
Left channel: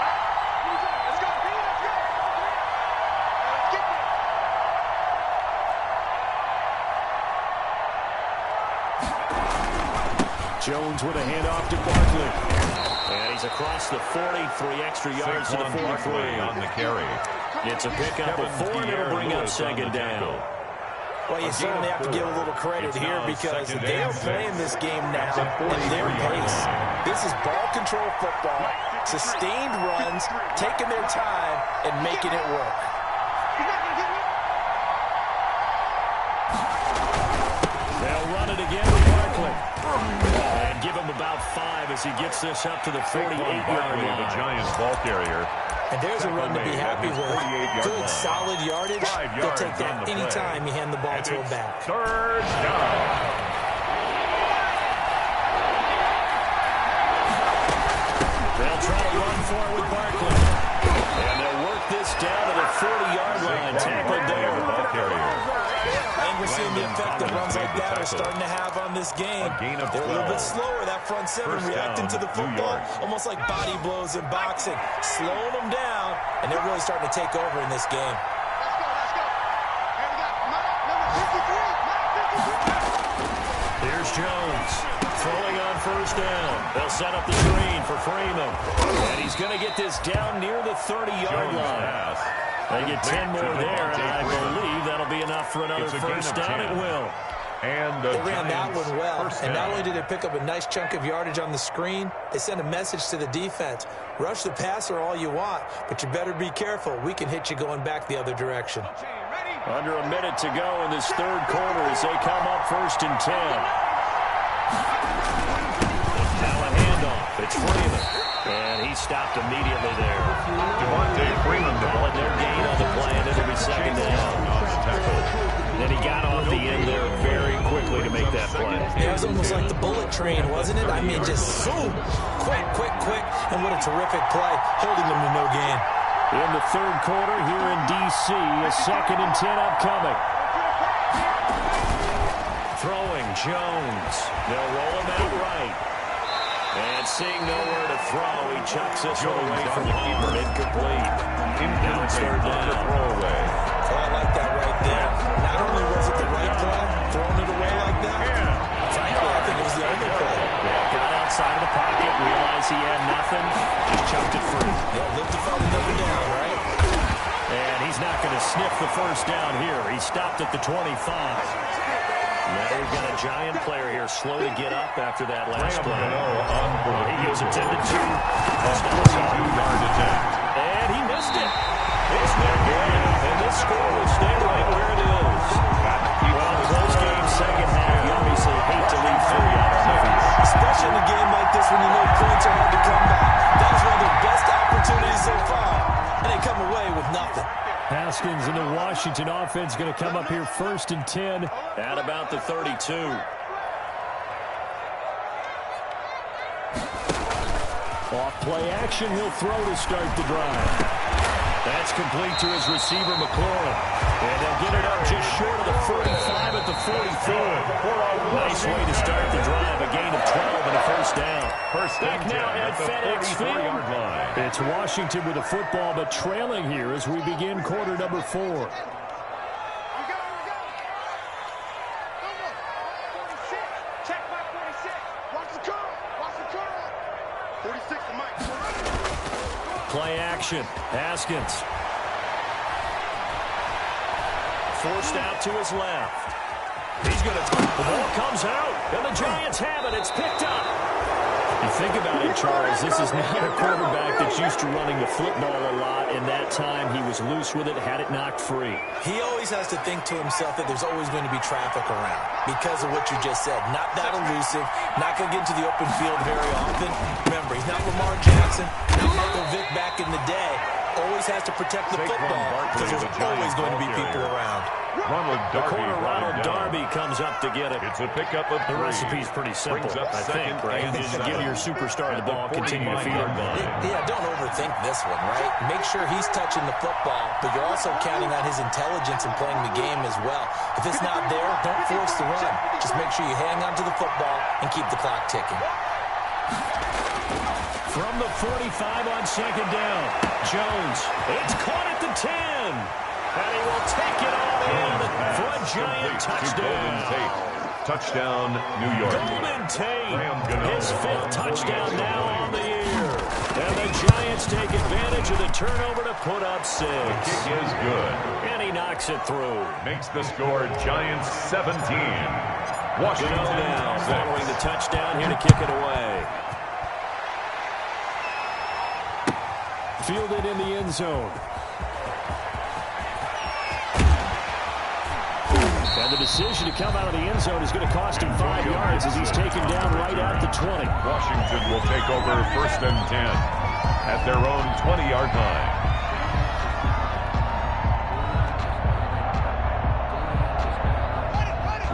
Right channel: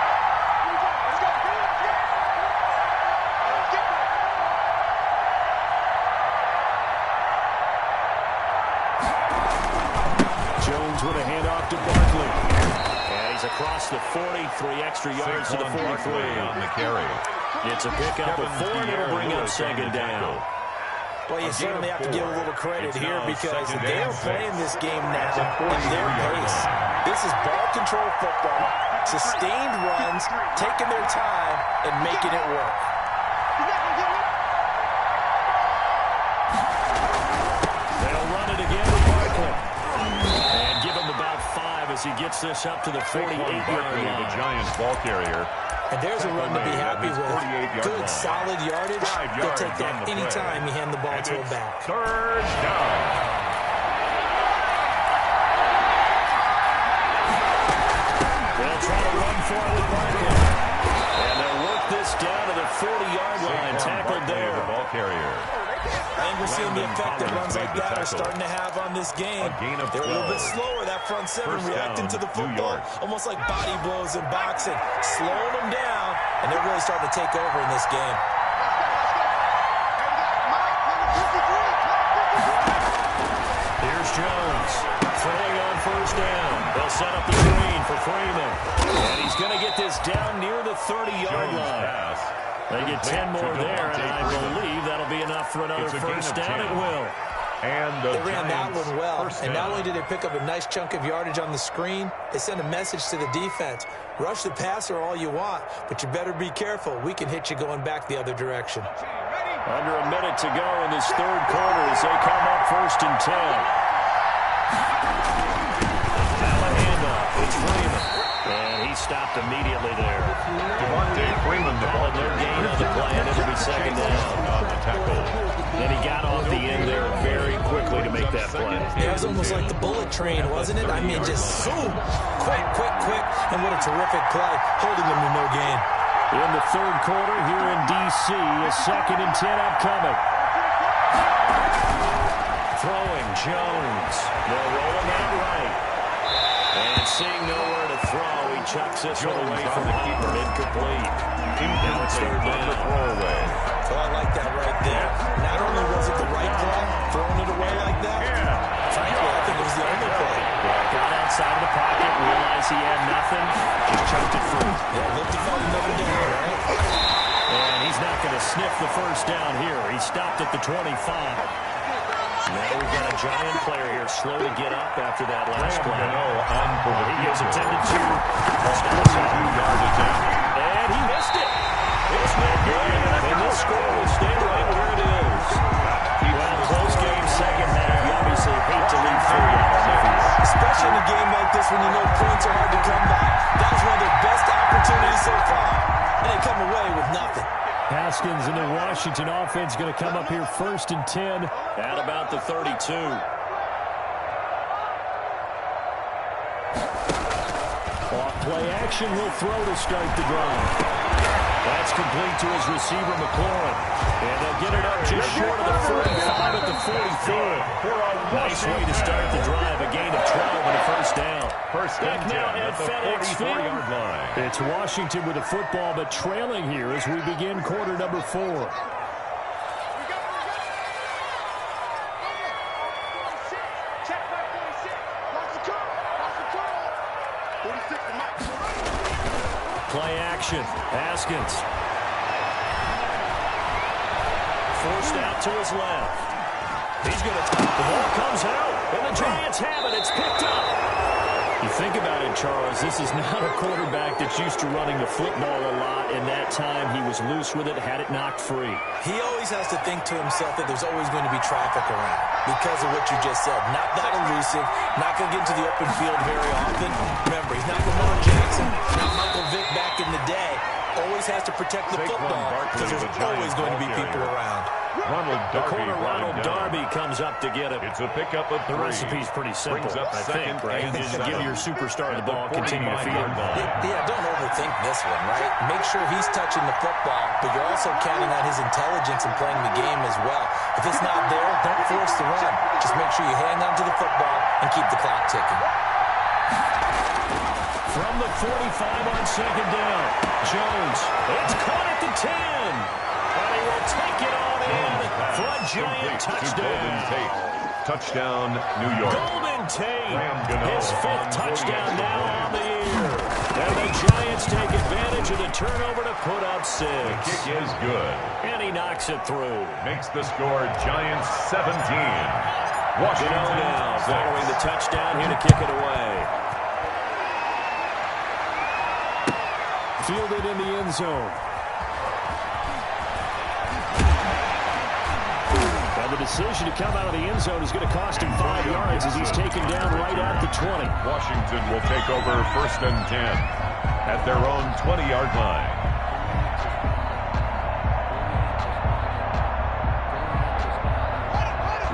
right, here we go. Let's go, let's go. All right, let's get there. Jones with a handoff to Barkley. And he's across the 40, 3 extra yards to the 43. On the carry. It's a pickup of 4, and it'll bring up 2nd down. Well, you certainly have to give a little credit here because they are playing this game now at their pace. This is ball control football, sustained runs, taking their time, and making it work. They'll run it again with Barkley. And give him about 5 as he gets this up to the 48-yard line. The Giants ball carrier. And there's a run to be happy with. Good, solid yardage. They'll take that any time you hand the ball to a back. 3rd down. They'll try to run for it with Barkley. And they'll work this down to the 40-yard line. Tackled there. The ball carrier. I think we're seeing the effect that runs like that are starting to have on this game. They're a little bit slower, that front 7, reacting to the football, almost like body blows in boxing, slowing them down, and they're really starting to take over in this game. Let's go. Hey, we got Mike, number 53. Here's Jones throwing on 1st down. They'll set up the screen for Freeman. And he's going to get this down near the 30-yard line. They get 10 more there, and I believe that'll be enough for another first down. It will. And they ran that one well, and not only did they pick up a nice chunk of yardage on the screen, they sent a message to the defense. Rush the passer all you want, but you better be careful. We can hit you going back the other direction. Under a minute to go in this 3rd quarter as they come up 1st and 10. Now a handoff. It's Freeman. And he stopped immediately there. Devontae Freeman, the ball. Their gain on the play, and it'll be 2nd down. On the tackle. And he got off the end there very quickly to make that play. It was almost like the bullet train, wasn't it? I mean, just zoom. Quick. And what a terrific play, holding them to no gain. In the 3rd quarter here in D.C., a 2nd and 10 upcoming. Throwing, Jones. They'll roll him out right. And seeing nowhere to throw, he chucks this one away from the keeper. Incomplete. Now it's 3rd down. Throwaway. Oh, I like that right there. Not only was it the right play, throwing it away like that, frankly, I think it was the only play. Yeah, got outside of the pocket, realized he had nothing, just chucked it free. Yeah, looked to find another down, right? And he's not going to sniff the first down here. He stopped at the 25. Now we've got a Giant player here slow to get up after that last play. He gets attended to. 42-yard attempt. And he missed it. It's no good. And this score will stay right where it is. Well, close game, 2nd half. You obviously hate to leave 3 out on the field. Especially in a game like this when you know points are hard to come by. That was one of their best opportunities so far. And they come away with nothing. Haskins and the Washington offense going to come up here 1st and 10 at about the 32. Off play action, he'll throw to start the drive. That's complete to his receiver, McLaurin. And they'll get it up just short of the 45 at the 44. Nice way to start the drive. A gain of 12 and a first down. Back now at FedEx Field. Line. It's Washington with the football, but trailing here as we begin quarter number 4. 46 to Mike. Play action. Haskins. Forced out to his left. He's going to... The ball comes out, and the Giants have it. It's picked up. You think about it, Charles, this is not a quarterback that's used to running the football a lot, and that time he was loose with it, had it knocked free. He always has to think to himself that there's always going to be traffic around because of what you just said. Not that elusive, not going to get into the open field very often. Remember, he's not Lamar Jackson, not Michael Vick back in the day. Always has to protect the football because there's always going to be people around. Ronald Darby, Ronald Darby comes up to get it. It's a pickup of 3. The recipe's pretty simple, I think, right? Just give your superstar the ball, continue to feed him. Yeah, don't overthink this one, right? Make sure he's touching the football, but you're also counting on his intelligence and playing the game as well. If it's not there, don't force the run. Just make sure you hang on to the football and keep the clock ticking. From the 45 on second down, Jones. It's caught at the 10. And he will take it on in for a giant touchdown. Touchdown, New York. Golden Tate, his 5th touchdown now on the year. And the Giants take advantage of the turnover to put up 6. The kick is good. And he knocks it through. Makes the score Giants 17. Washington now 6. Following the touchdown here to kick it away. Fielded in the end zone. And the decision to come out of the end zone is going to cost him 5 yards as he's taken down right at the 20. Washington will take over 1st and 10 at their own 20-yard line.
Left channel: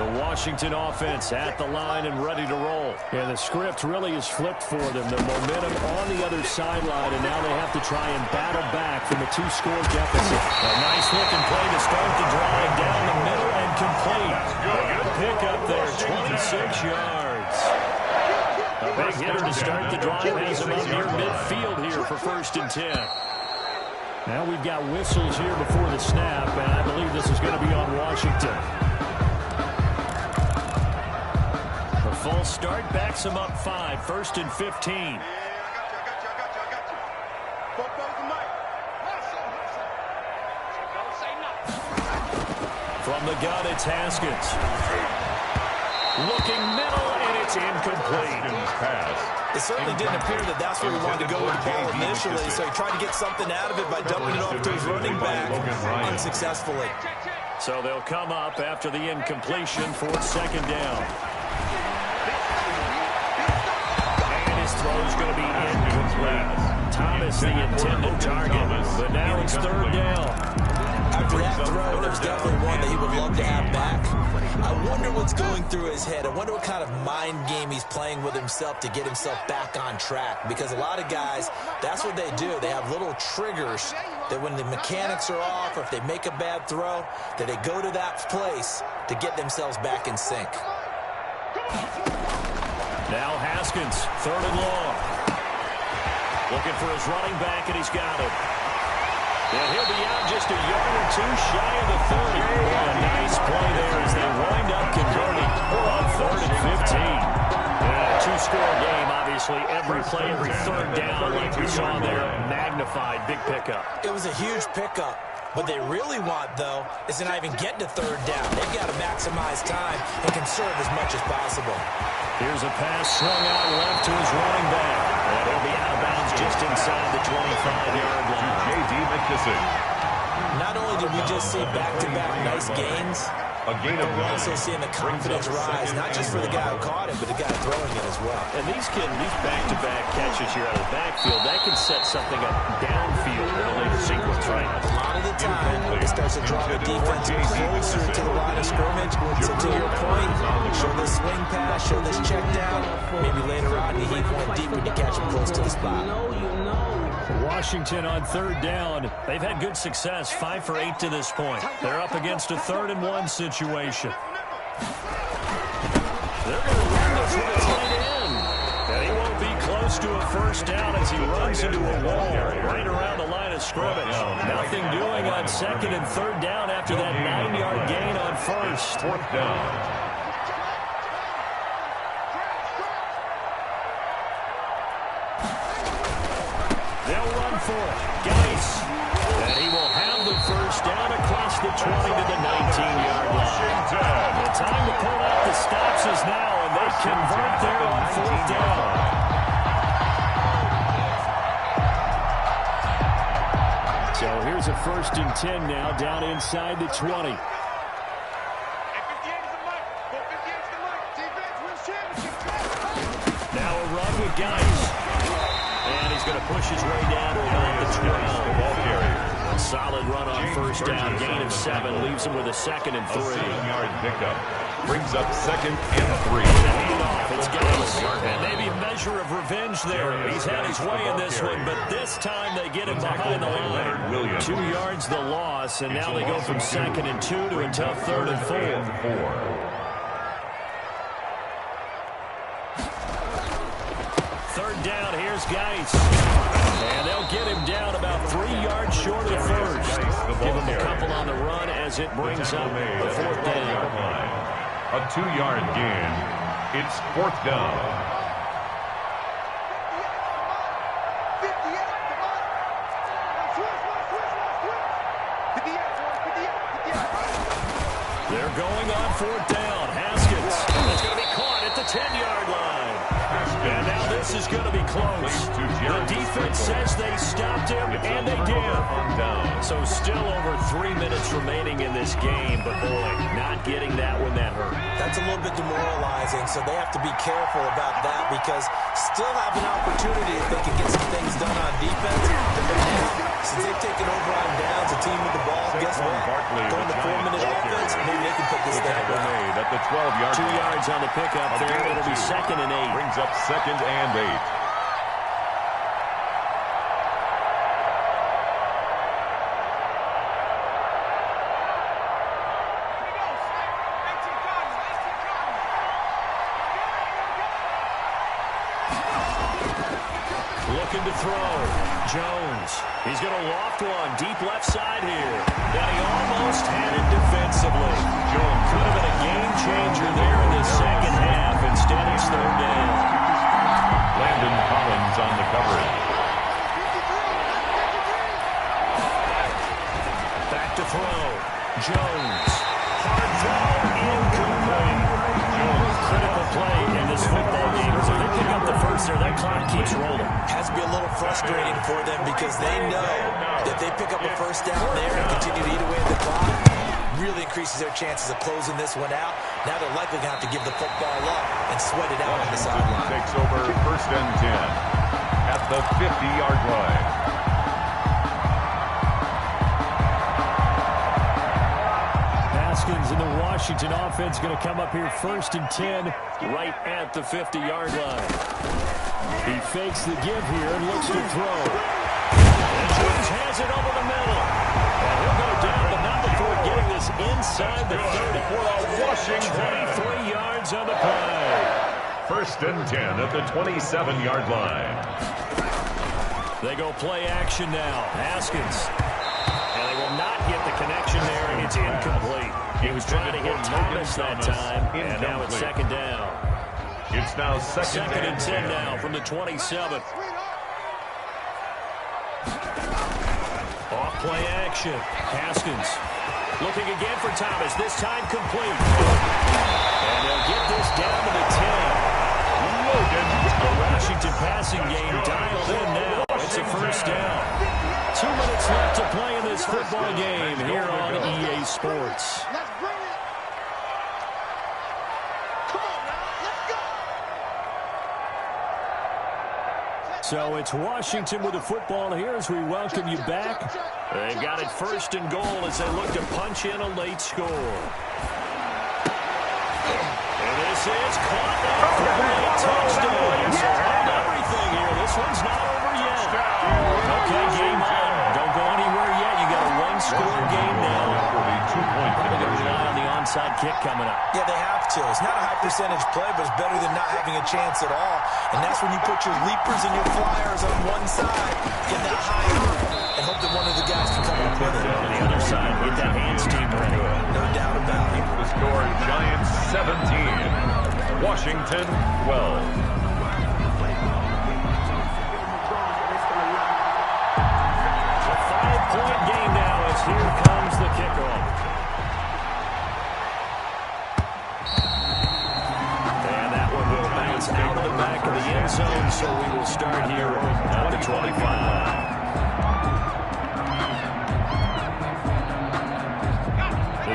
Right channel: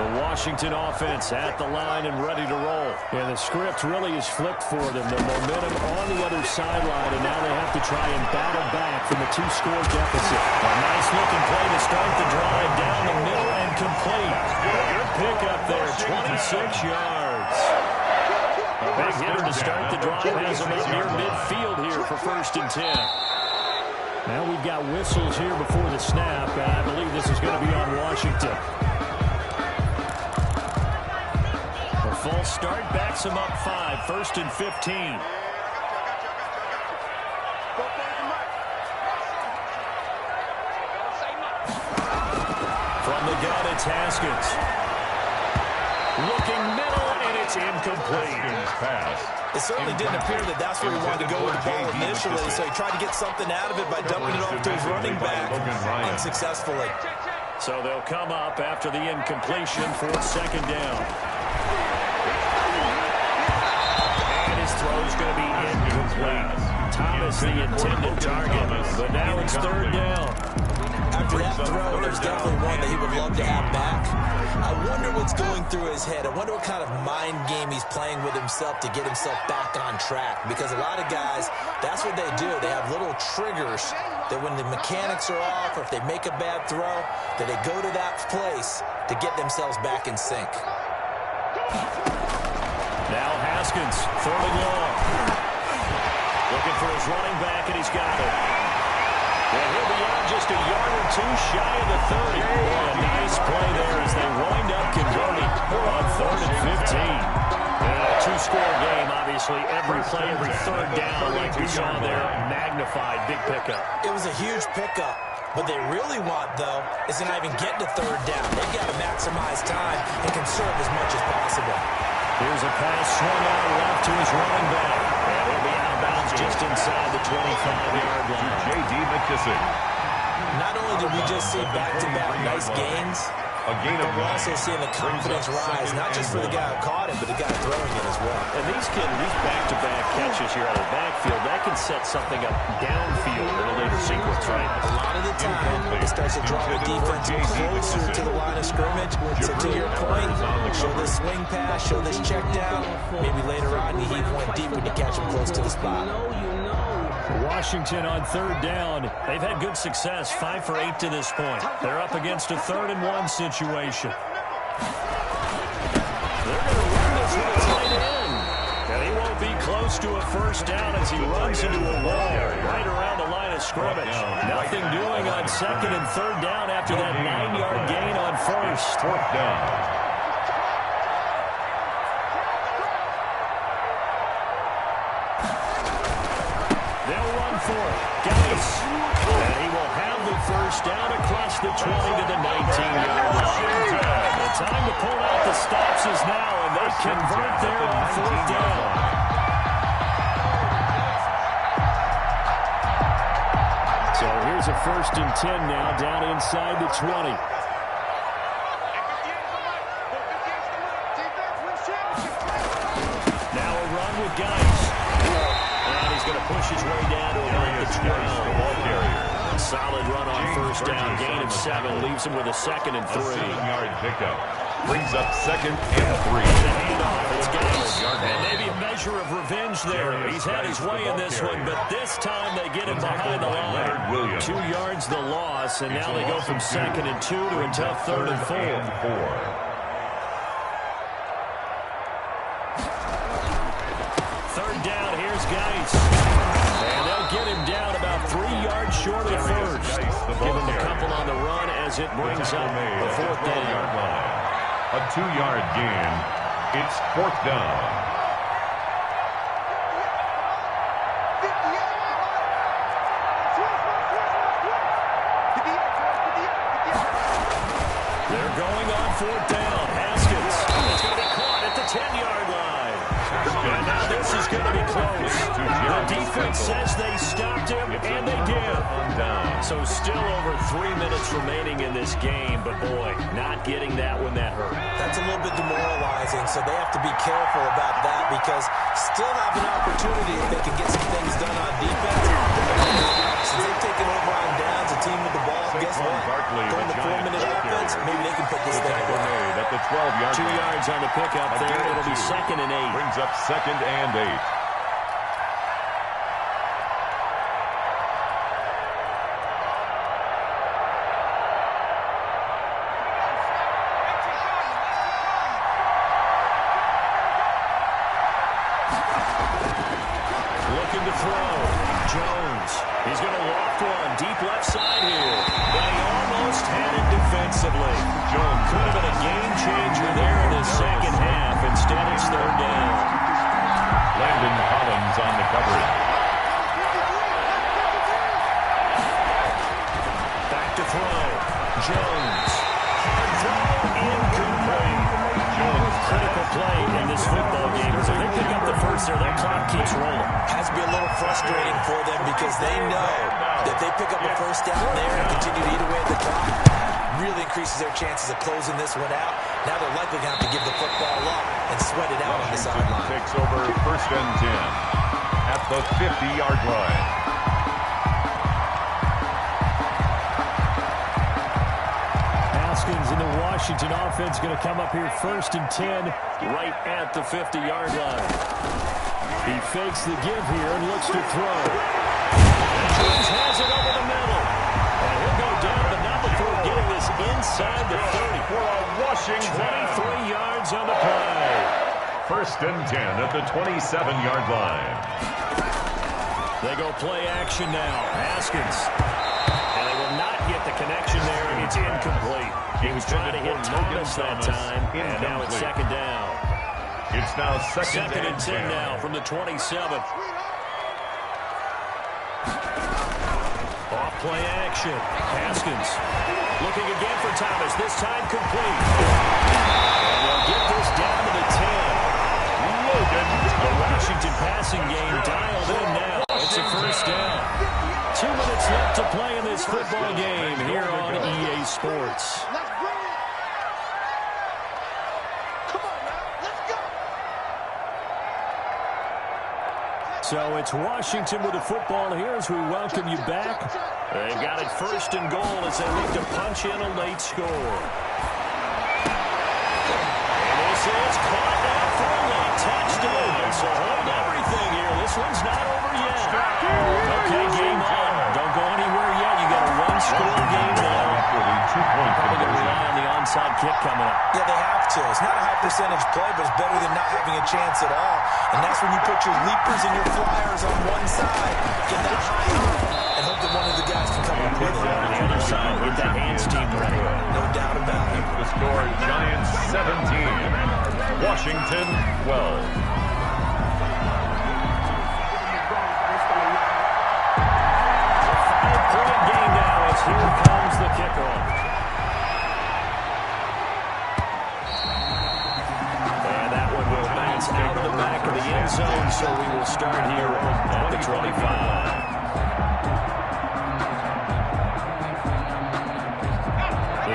The Washington offense at the line and ready to roll. And the script really is flipped for them. The momentum on the other sideline, and now they have to try and battle back from a 2-score deficit. A nice-looking play to start the drive down the middle and complete. A good pickup there, 26 yards. A big hitter to start the drive has him up near midfield here for 1st and 10. Now we've got whistles here before the snap, and I believe this is going to be on Washington. A full start backs him up 5, 1st and 15. I got you. From the gun, it's Haskins. Looking middle, and it's incomplete. Pass. It certainly didn't appear that that's where he wanted to go with the ball initially, so he tried to get something out of it by dumping it off to his running back unsuccessfully. So they'll come up after the incompletion for 2nd down. And his throw's going to be incomplete. Thomas, the intended target, but now it's 3rd down. After that throw, there's definitely one that he would love to have back. I wonder what's going through his head. I wonder what kind of mind game he's playing with himself to get himself back on track. Because a lot of guys, that's what they do. They have little triggers that when the mechanics are off or if they make a bad throw, that they go to that place to get themselves back in sync. Now Haskins, 3rd and long. Looking for his running back, and he's got it. And he'll be out just a yard or 2 shy of the 30. Boy, a nice play there as they wind up converting on 3rd and 15. And a 2-score game, obviously. Every play, every 3rd down, like we saw there, magnified, big pickup. It was a huge pickup. What they really want, though, is to not even get to 3rd down. They've got to maximize time and conserve as much as possible. Here's a pass swung out left to his running back. And he'll be out of bounds just inside the 25-yard line. J.D. McKissick. Not only did we just see back-to-back nice gains, A gain of but we're also seeing the confidence rise, not just for the guy who caught it, but the guy throwing it as well. And these back-to-back catches here out of the backfield, that can set something up downfield in a later sequence, right? A lot of the time, it starts to draw the defense closer to the line of scrimmage. So to your point, show this swing pass, show this check down. Maybe later on, you heave one deep when you catch him close to the spot. Washington on 3rd down. They've had good success, 5 for 8 to this point. They're up against a 3rd and 1 situation. They're going to run this with a tight end. And he won't be close to a 1st down as he runs into a wall right around the line of scrimmage. Nothing doing on 2nd and 3rd down after that 9-yard gain on 1st. 4th down. They'll run for it. Geis. And he will have the 1st down across the 20 to the 19-yard line. The time to pull out the stops is now, and they convert there on 4th down. So here's a 1st and 10 now, down inside the 20. Now a run with Geis. And he's going to push his way down to about the 12. The ball carrier. Solid run on James 1st down. Burgess Gain on of the 7. tackle. Leaves him with a 2nd and 3. A 7-yard pickup. Brings up 2nd and 3. Handoff. It's Geis. And maybe a measure of revenge there. He's had his way in this one, but this time they get him behind the line. 2 yards the loss, and now they go from 2nd and 2 to a tough 3rd and 4. 3rd down, here's Geis. And they'll get him down about 3 yards short of the 1st. Give him a couple on the run as it brings up the 4th down. A 2-yard gain. It's 4th down. They're going on 4th down. Haskins. It's going to be caught at the 10-yard line. And now this is going to be close. The defense says they stopped him, and they did. So still over 3 minutes remaining in this game, but boy, not getting that when that hurt. That's a little bit demoralizing, so they have to be careful about that because still have an opportunity if they can get some things done on defense. Since they've taken over on downs, a team with the ball, guess what? Going to 4-minute offense, maybe they can put this thing away. At the 12-yard 2 yards on the pickup there. It'll be 2nd and 8. Brings up 2nd and 8. Looking to throw. Jones. He's going to loft one. Deep left side here. But he almost had it defensively. Jones could have been a game changer there in the second half. Instead, it's 3rd down. Landon Collins on the coverage. Back to throw. Jones. Hard throw. Incomplete. Jones. Critical play in this football game. So they pick up the 1st there. That clock keeps rolling. Has to be a little frustrating for them because they know that they pick up a 1st down there and continue to eat away at the clock. Really increases their chances of closing this one out. Now they're likely going to have to give the football up and sweat it out on the sideline. Takes over 1st and 10 at the 50-yard line. Haskins and the Washington offense going to come up here 1st and 10 right at the 50-yard line. He fakes the give here and looks to throw. And Jones has it over the middle. And he'll go down, but not before getting this inside the 30. For a Washington. 23 yards on the play. 1st and 10 at the 27-yard line. They go play action now. Haskins. And they will not get the connection there. It's incomplete. He was trying to hit Thomas that time, and now it's 2nd down. It's now 2nd and 10 now from the 27. Off play action. Haskins looking again for Thomas. This time complete. And they'll get this down to the 10. Logan. The Washington passing game dialed in now. It's a 1st down. 2 minutes left to play in this football game here on EA Sports. Let's bring it. Come on now, let's go. So it's Washington with the football here as we welcome you back. They've got it 1st and goal as they look to punch in a late score. And this is caught now for a late touchdown. So hold everything here. This one's not over yet. Okay, game on. Don't go anywhere yet. You got a 1-score game now. Probably going to rely on the onside kick coming up. Yeah, they have to. It's not a high percentage play, but it's better than not having a chance at all. And that's when you put your leapers and your flyers on one side, get that high up, and hope that one of the guys can come up with it. On the other side, get that hands team ready. No doubt about it. The score, Giants 17, Washington 12. Point game now as here comes the kickoff. And that one will bounce out of the back of the end zone, so we will start here at the 25.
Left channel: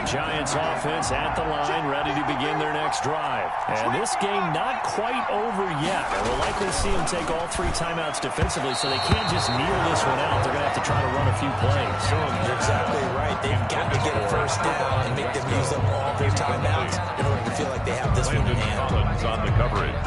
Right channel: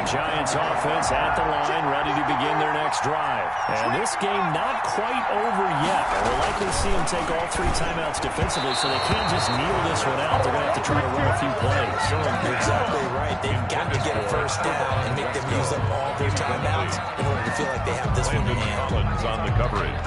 Giants offense at the line, ready to begin their next drive. And this game not quite over yet. And we'll likely see them take all 3 timeouts defensively, so they can't just kneel this one out. They're going to have to try to run a few plays. You're exactly right. They've got to get a first down and make them use up all their timeouts in order to feel like they have this one in hand. Collins on the coverage.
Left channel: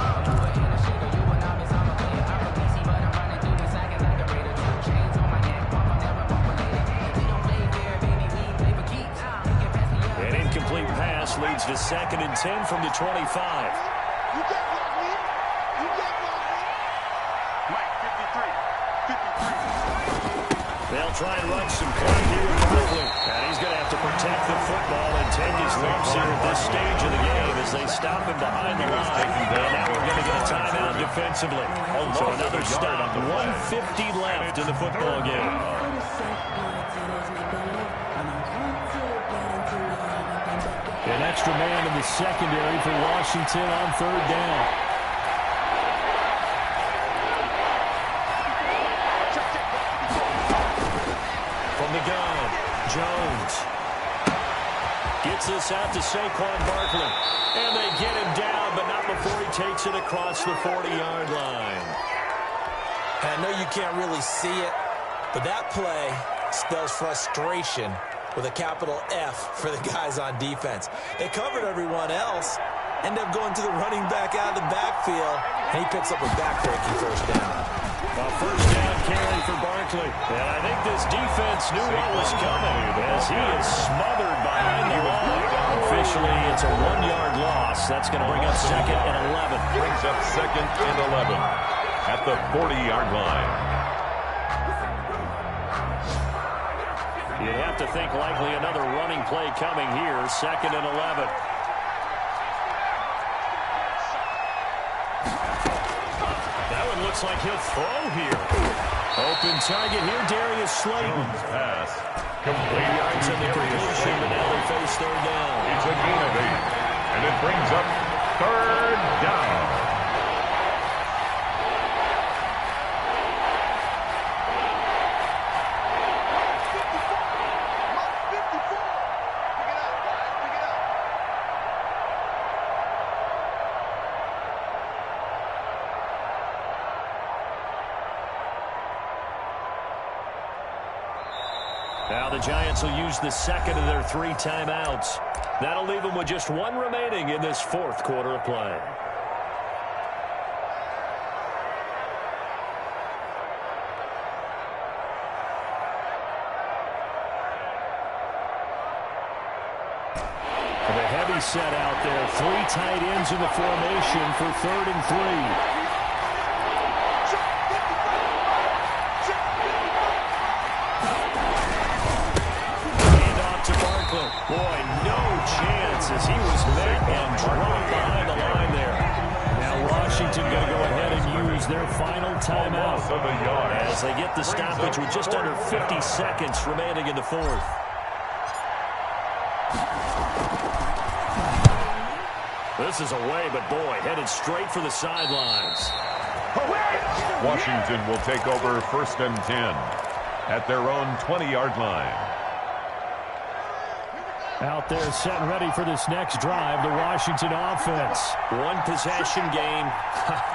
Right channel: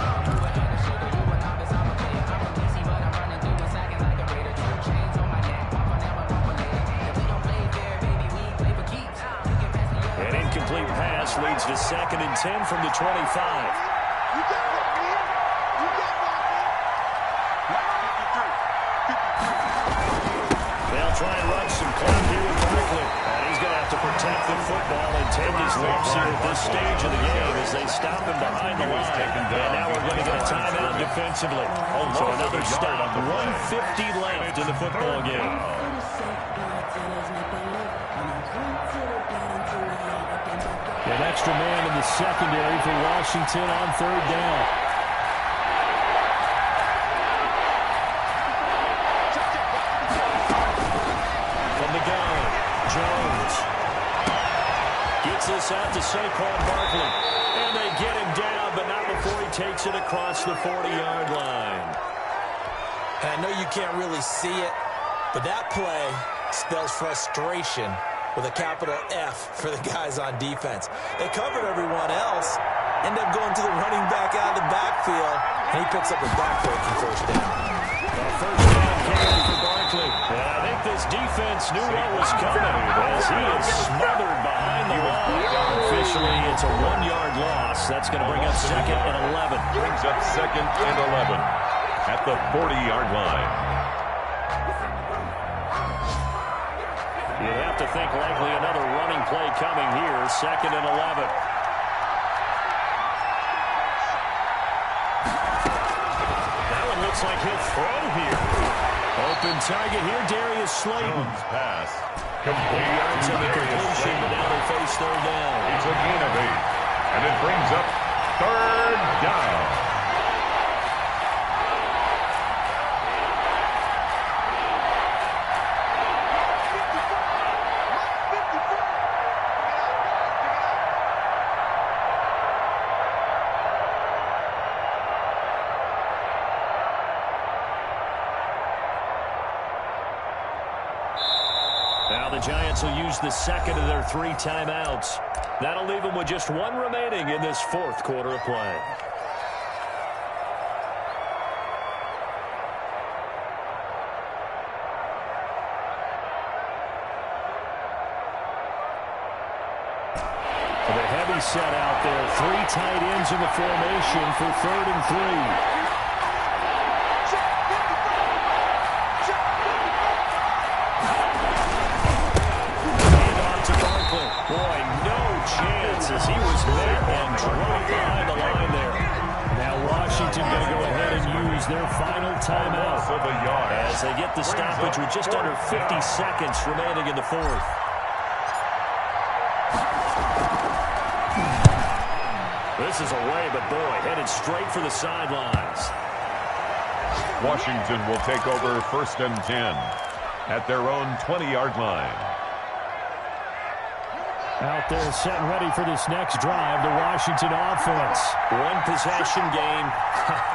An incomplete pass leads to 2nd and 10 from the 25. You get blocked, man. You get blocked, man. Mike, 53. They'll try and run some clock here with Barkley. And he's going to have to protect the football and take his lumps here at this stage of the game as they stop him behind the line. And now we're going to get a timeout defensively. So another stop. 1:50 left in the football game. An extra man in the secondary for Washington on 3rd down. From the gun, Jones gets this out to Saquon Barkley. And they get him down, but not before he takes it across the 40-yard line. And I know you can't really see it, but that play spells frustration with a capital F for the guys on defense. They covered everyone else, end up going to the running back out of the backfield, and he picks up a back-breaking first down. A first down carry for Barkley. And I think this defense knew what was coming as he is smothered behind the line. Officially, it's a 1-yard loss. That's going to bring up 2nd and 11. Brings up 2nd and 11 at the 40-yard line. You'd have to think likely another running play coming here. 2nd and 11. That one looks like he'll throw here. Open target here, Darius Slayton. Jones pass. Complete yards in the completion, but now they face 3rd down. It's a gain of 8. And it brings up 3rd down. Now the Giants will use the 2nd of their 3 timeouts. That'll leave them with just 1 remaining in this 4th quarter of play. The heavy set out there. 3 tight ends in the formation for 3rd and 3. Boy, no chance as he was met and dropped behind the line there. Now Washington going to go ahead and use their final timeout as they get the stoppage with just under 50 seconds remaining in the 4th. This is away, but boy, headed straight for the sidelines. Washington will take over 1st and 10 at their own 20-yard line. Out there set and ready for this next drive, the Washington offense. 1 possession game.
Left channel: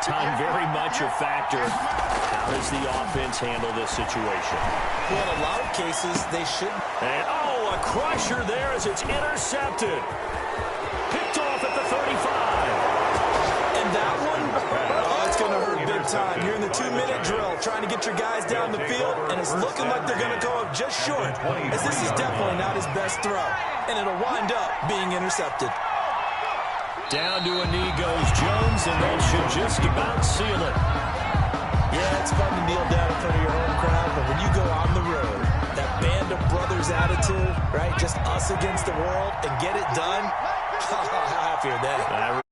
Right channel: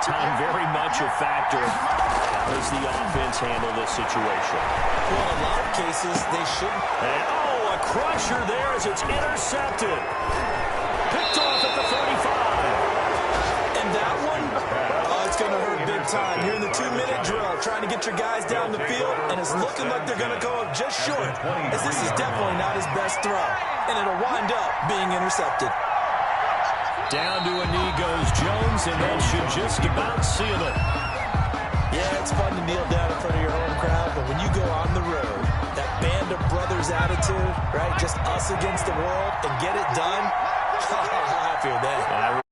Time very much a factor. How does the offense handle this situation? Well, in a lot of cases, they shouldn't. And, a crusher there as it's intercepted. Picked off at the 35. And that one, it's going to hurt big time. You're in the 2-minute drill trying to get your guys down the field, and it's looking like they're going to go up just short, as this is definitely not his best throw, and it'll wind up being intercepted. Down to a knee goes Jones, and that should just about seal it. Yeah, it's fun to kneel down in front of your home crowd, but when you go on the road, that band of brothers attitude, right, just us against the world, and get it done, how happy are they?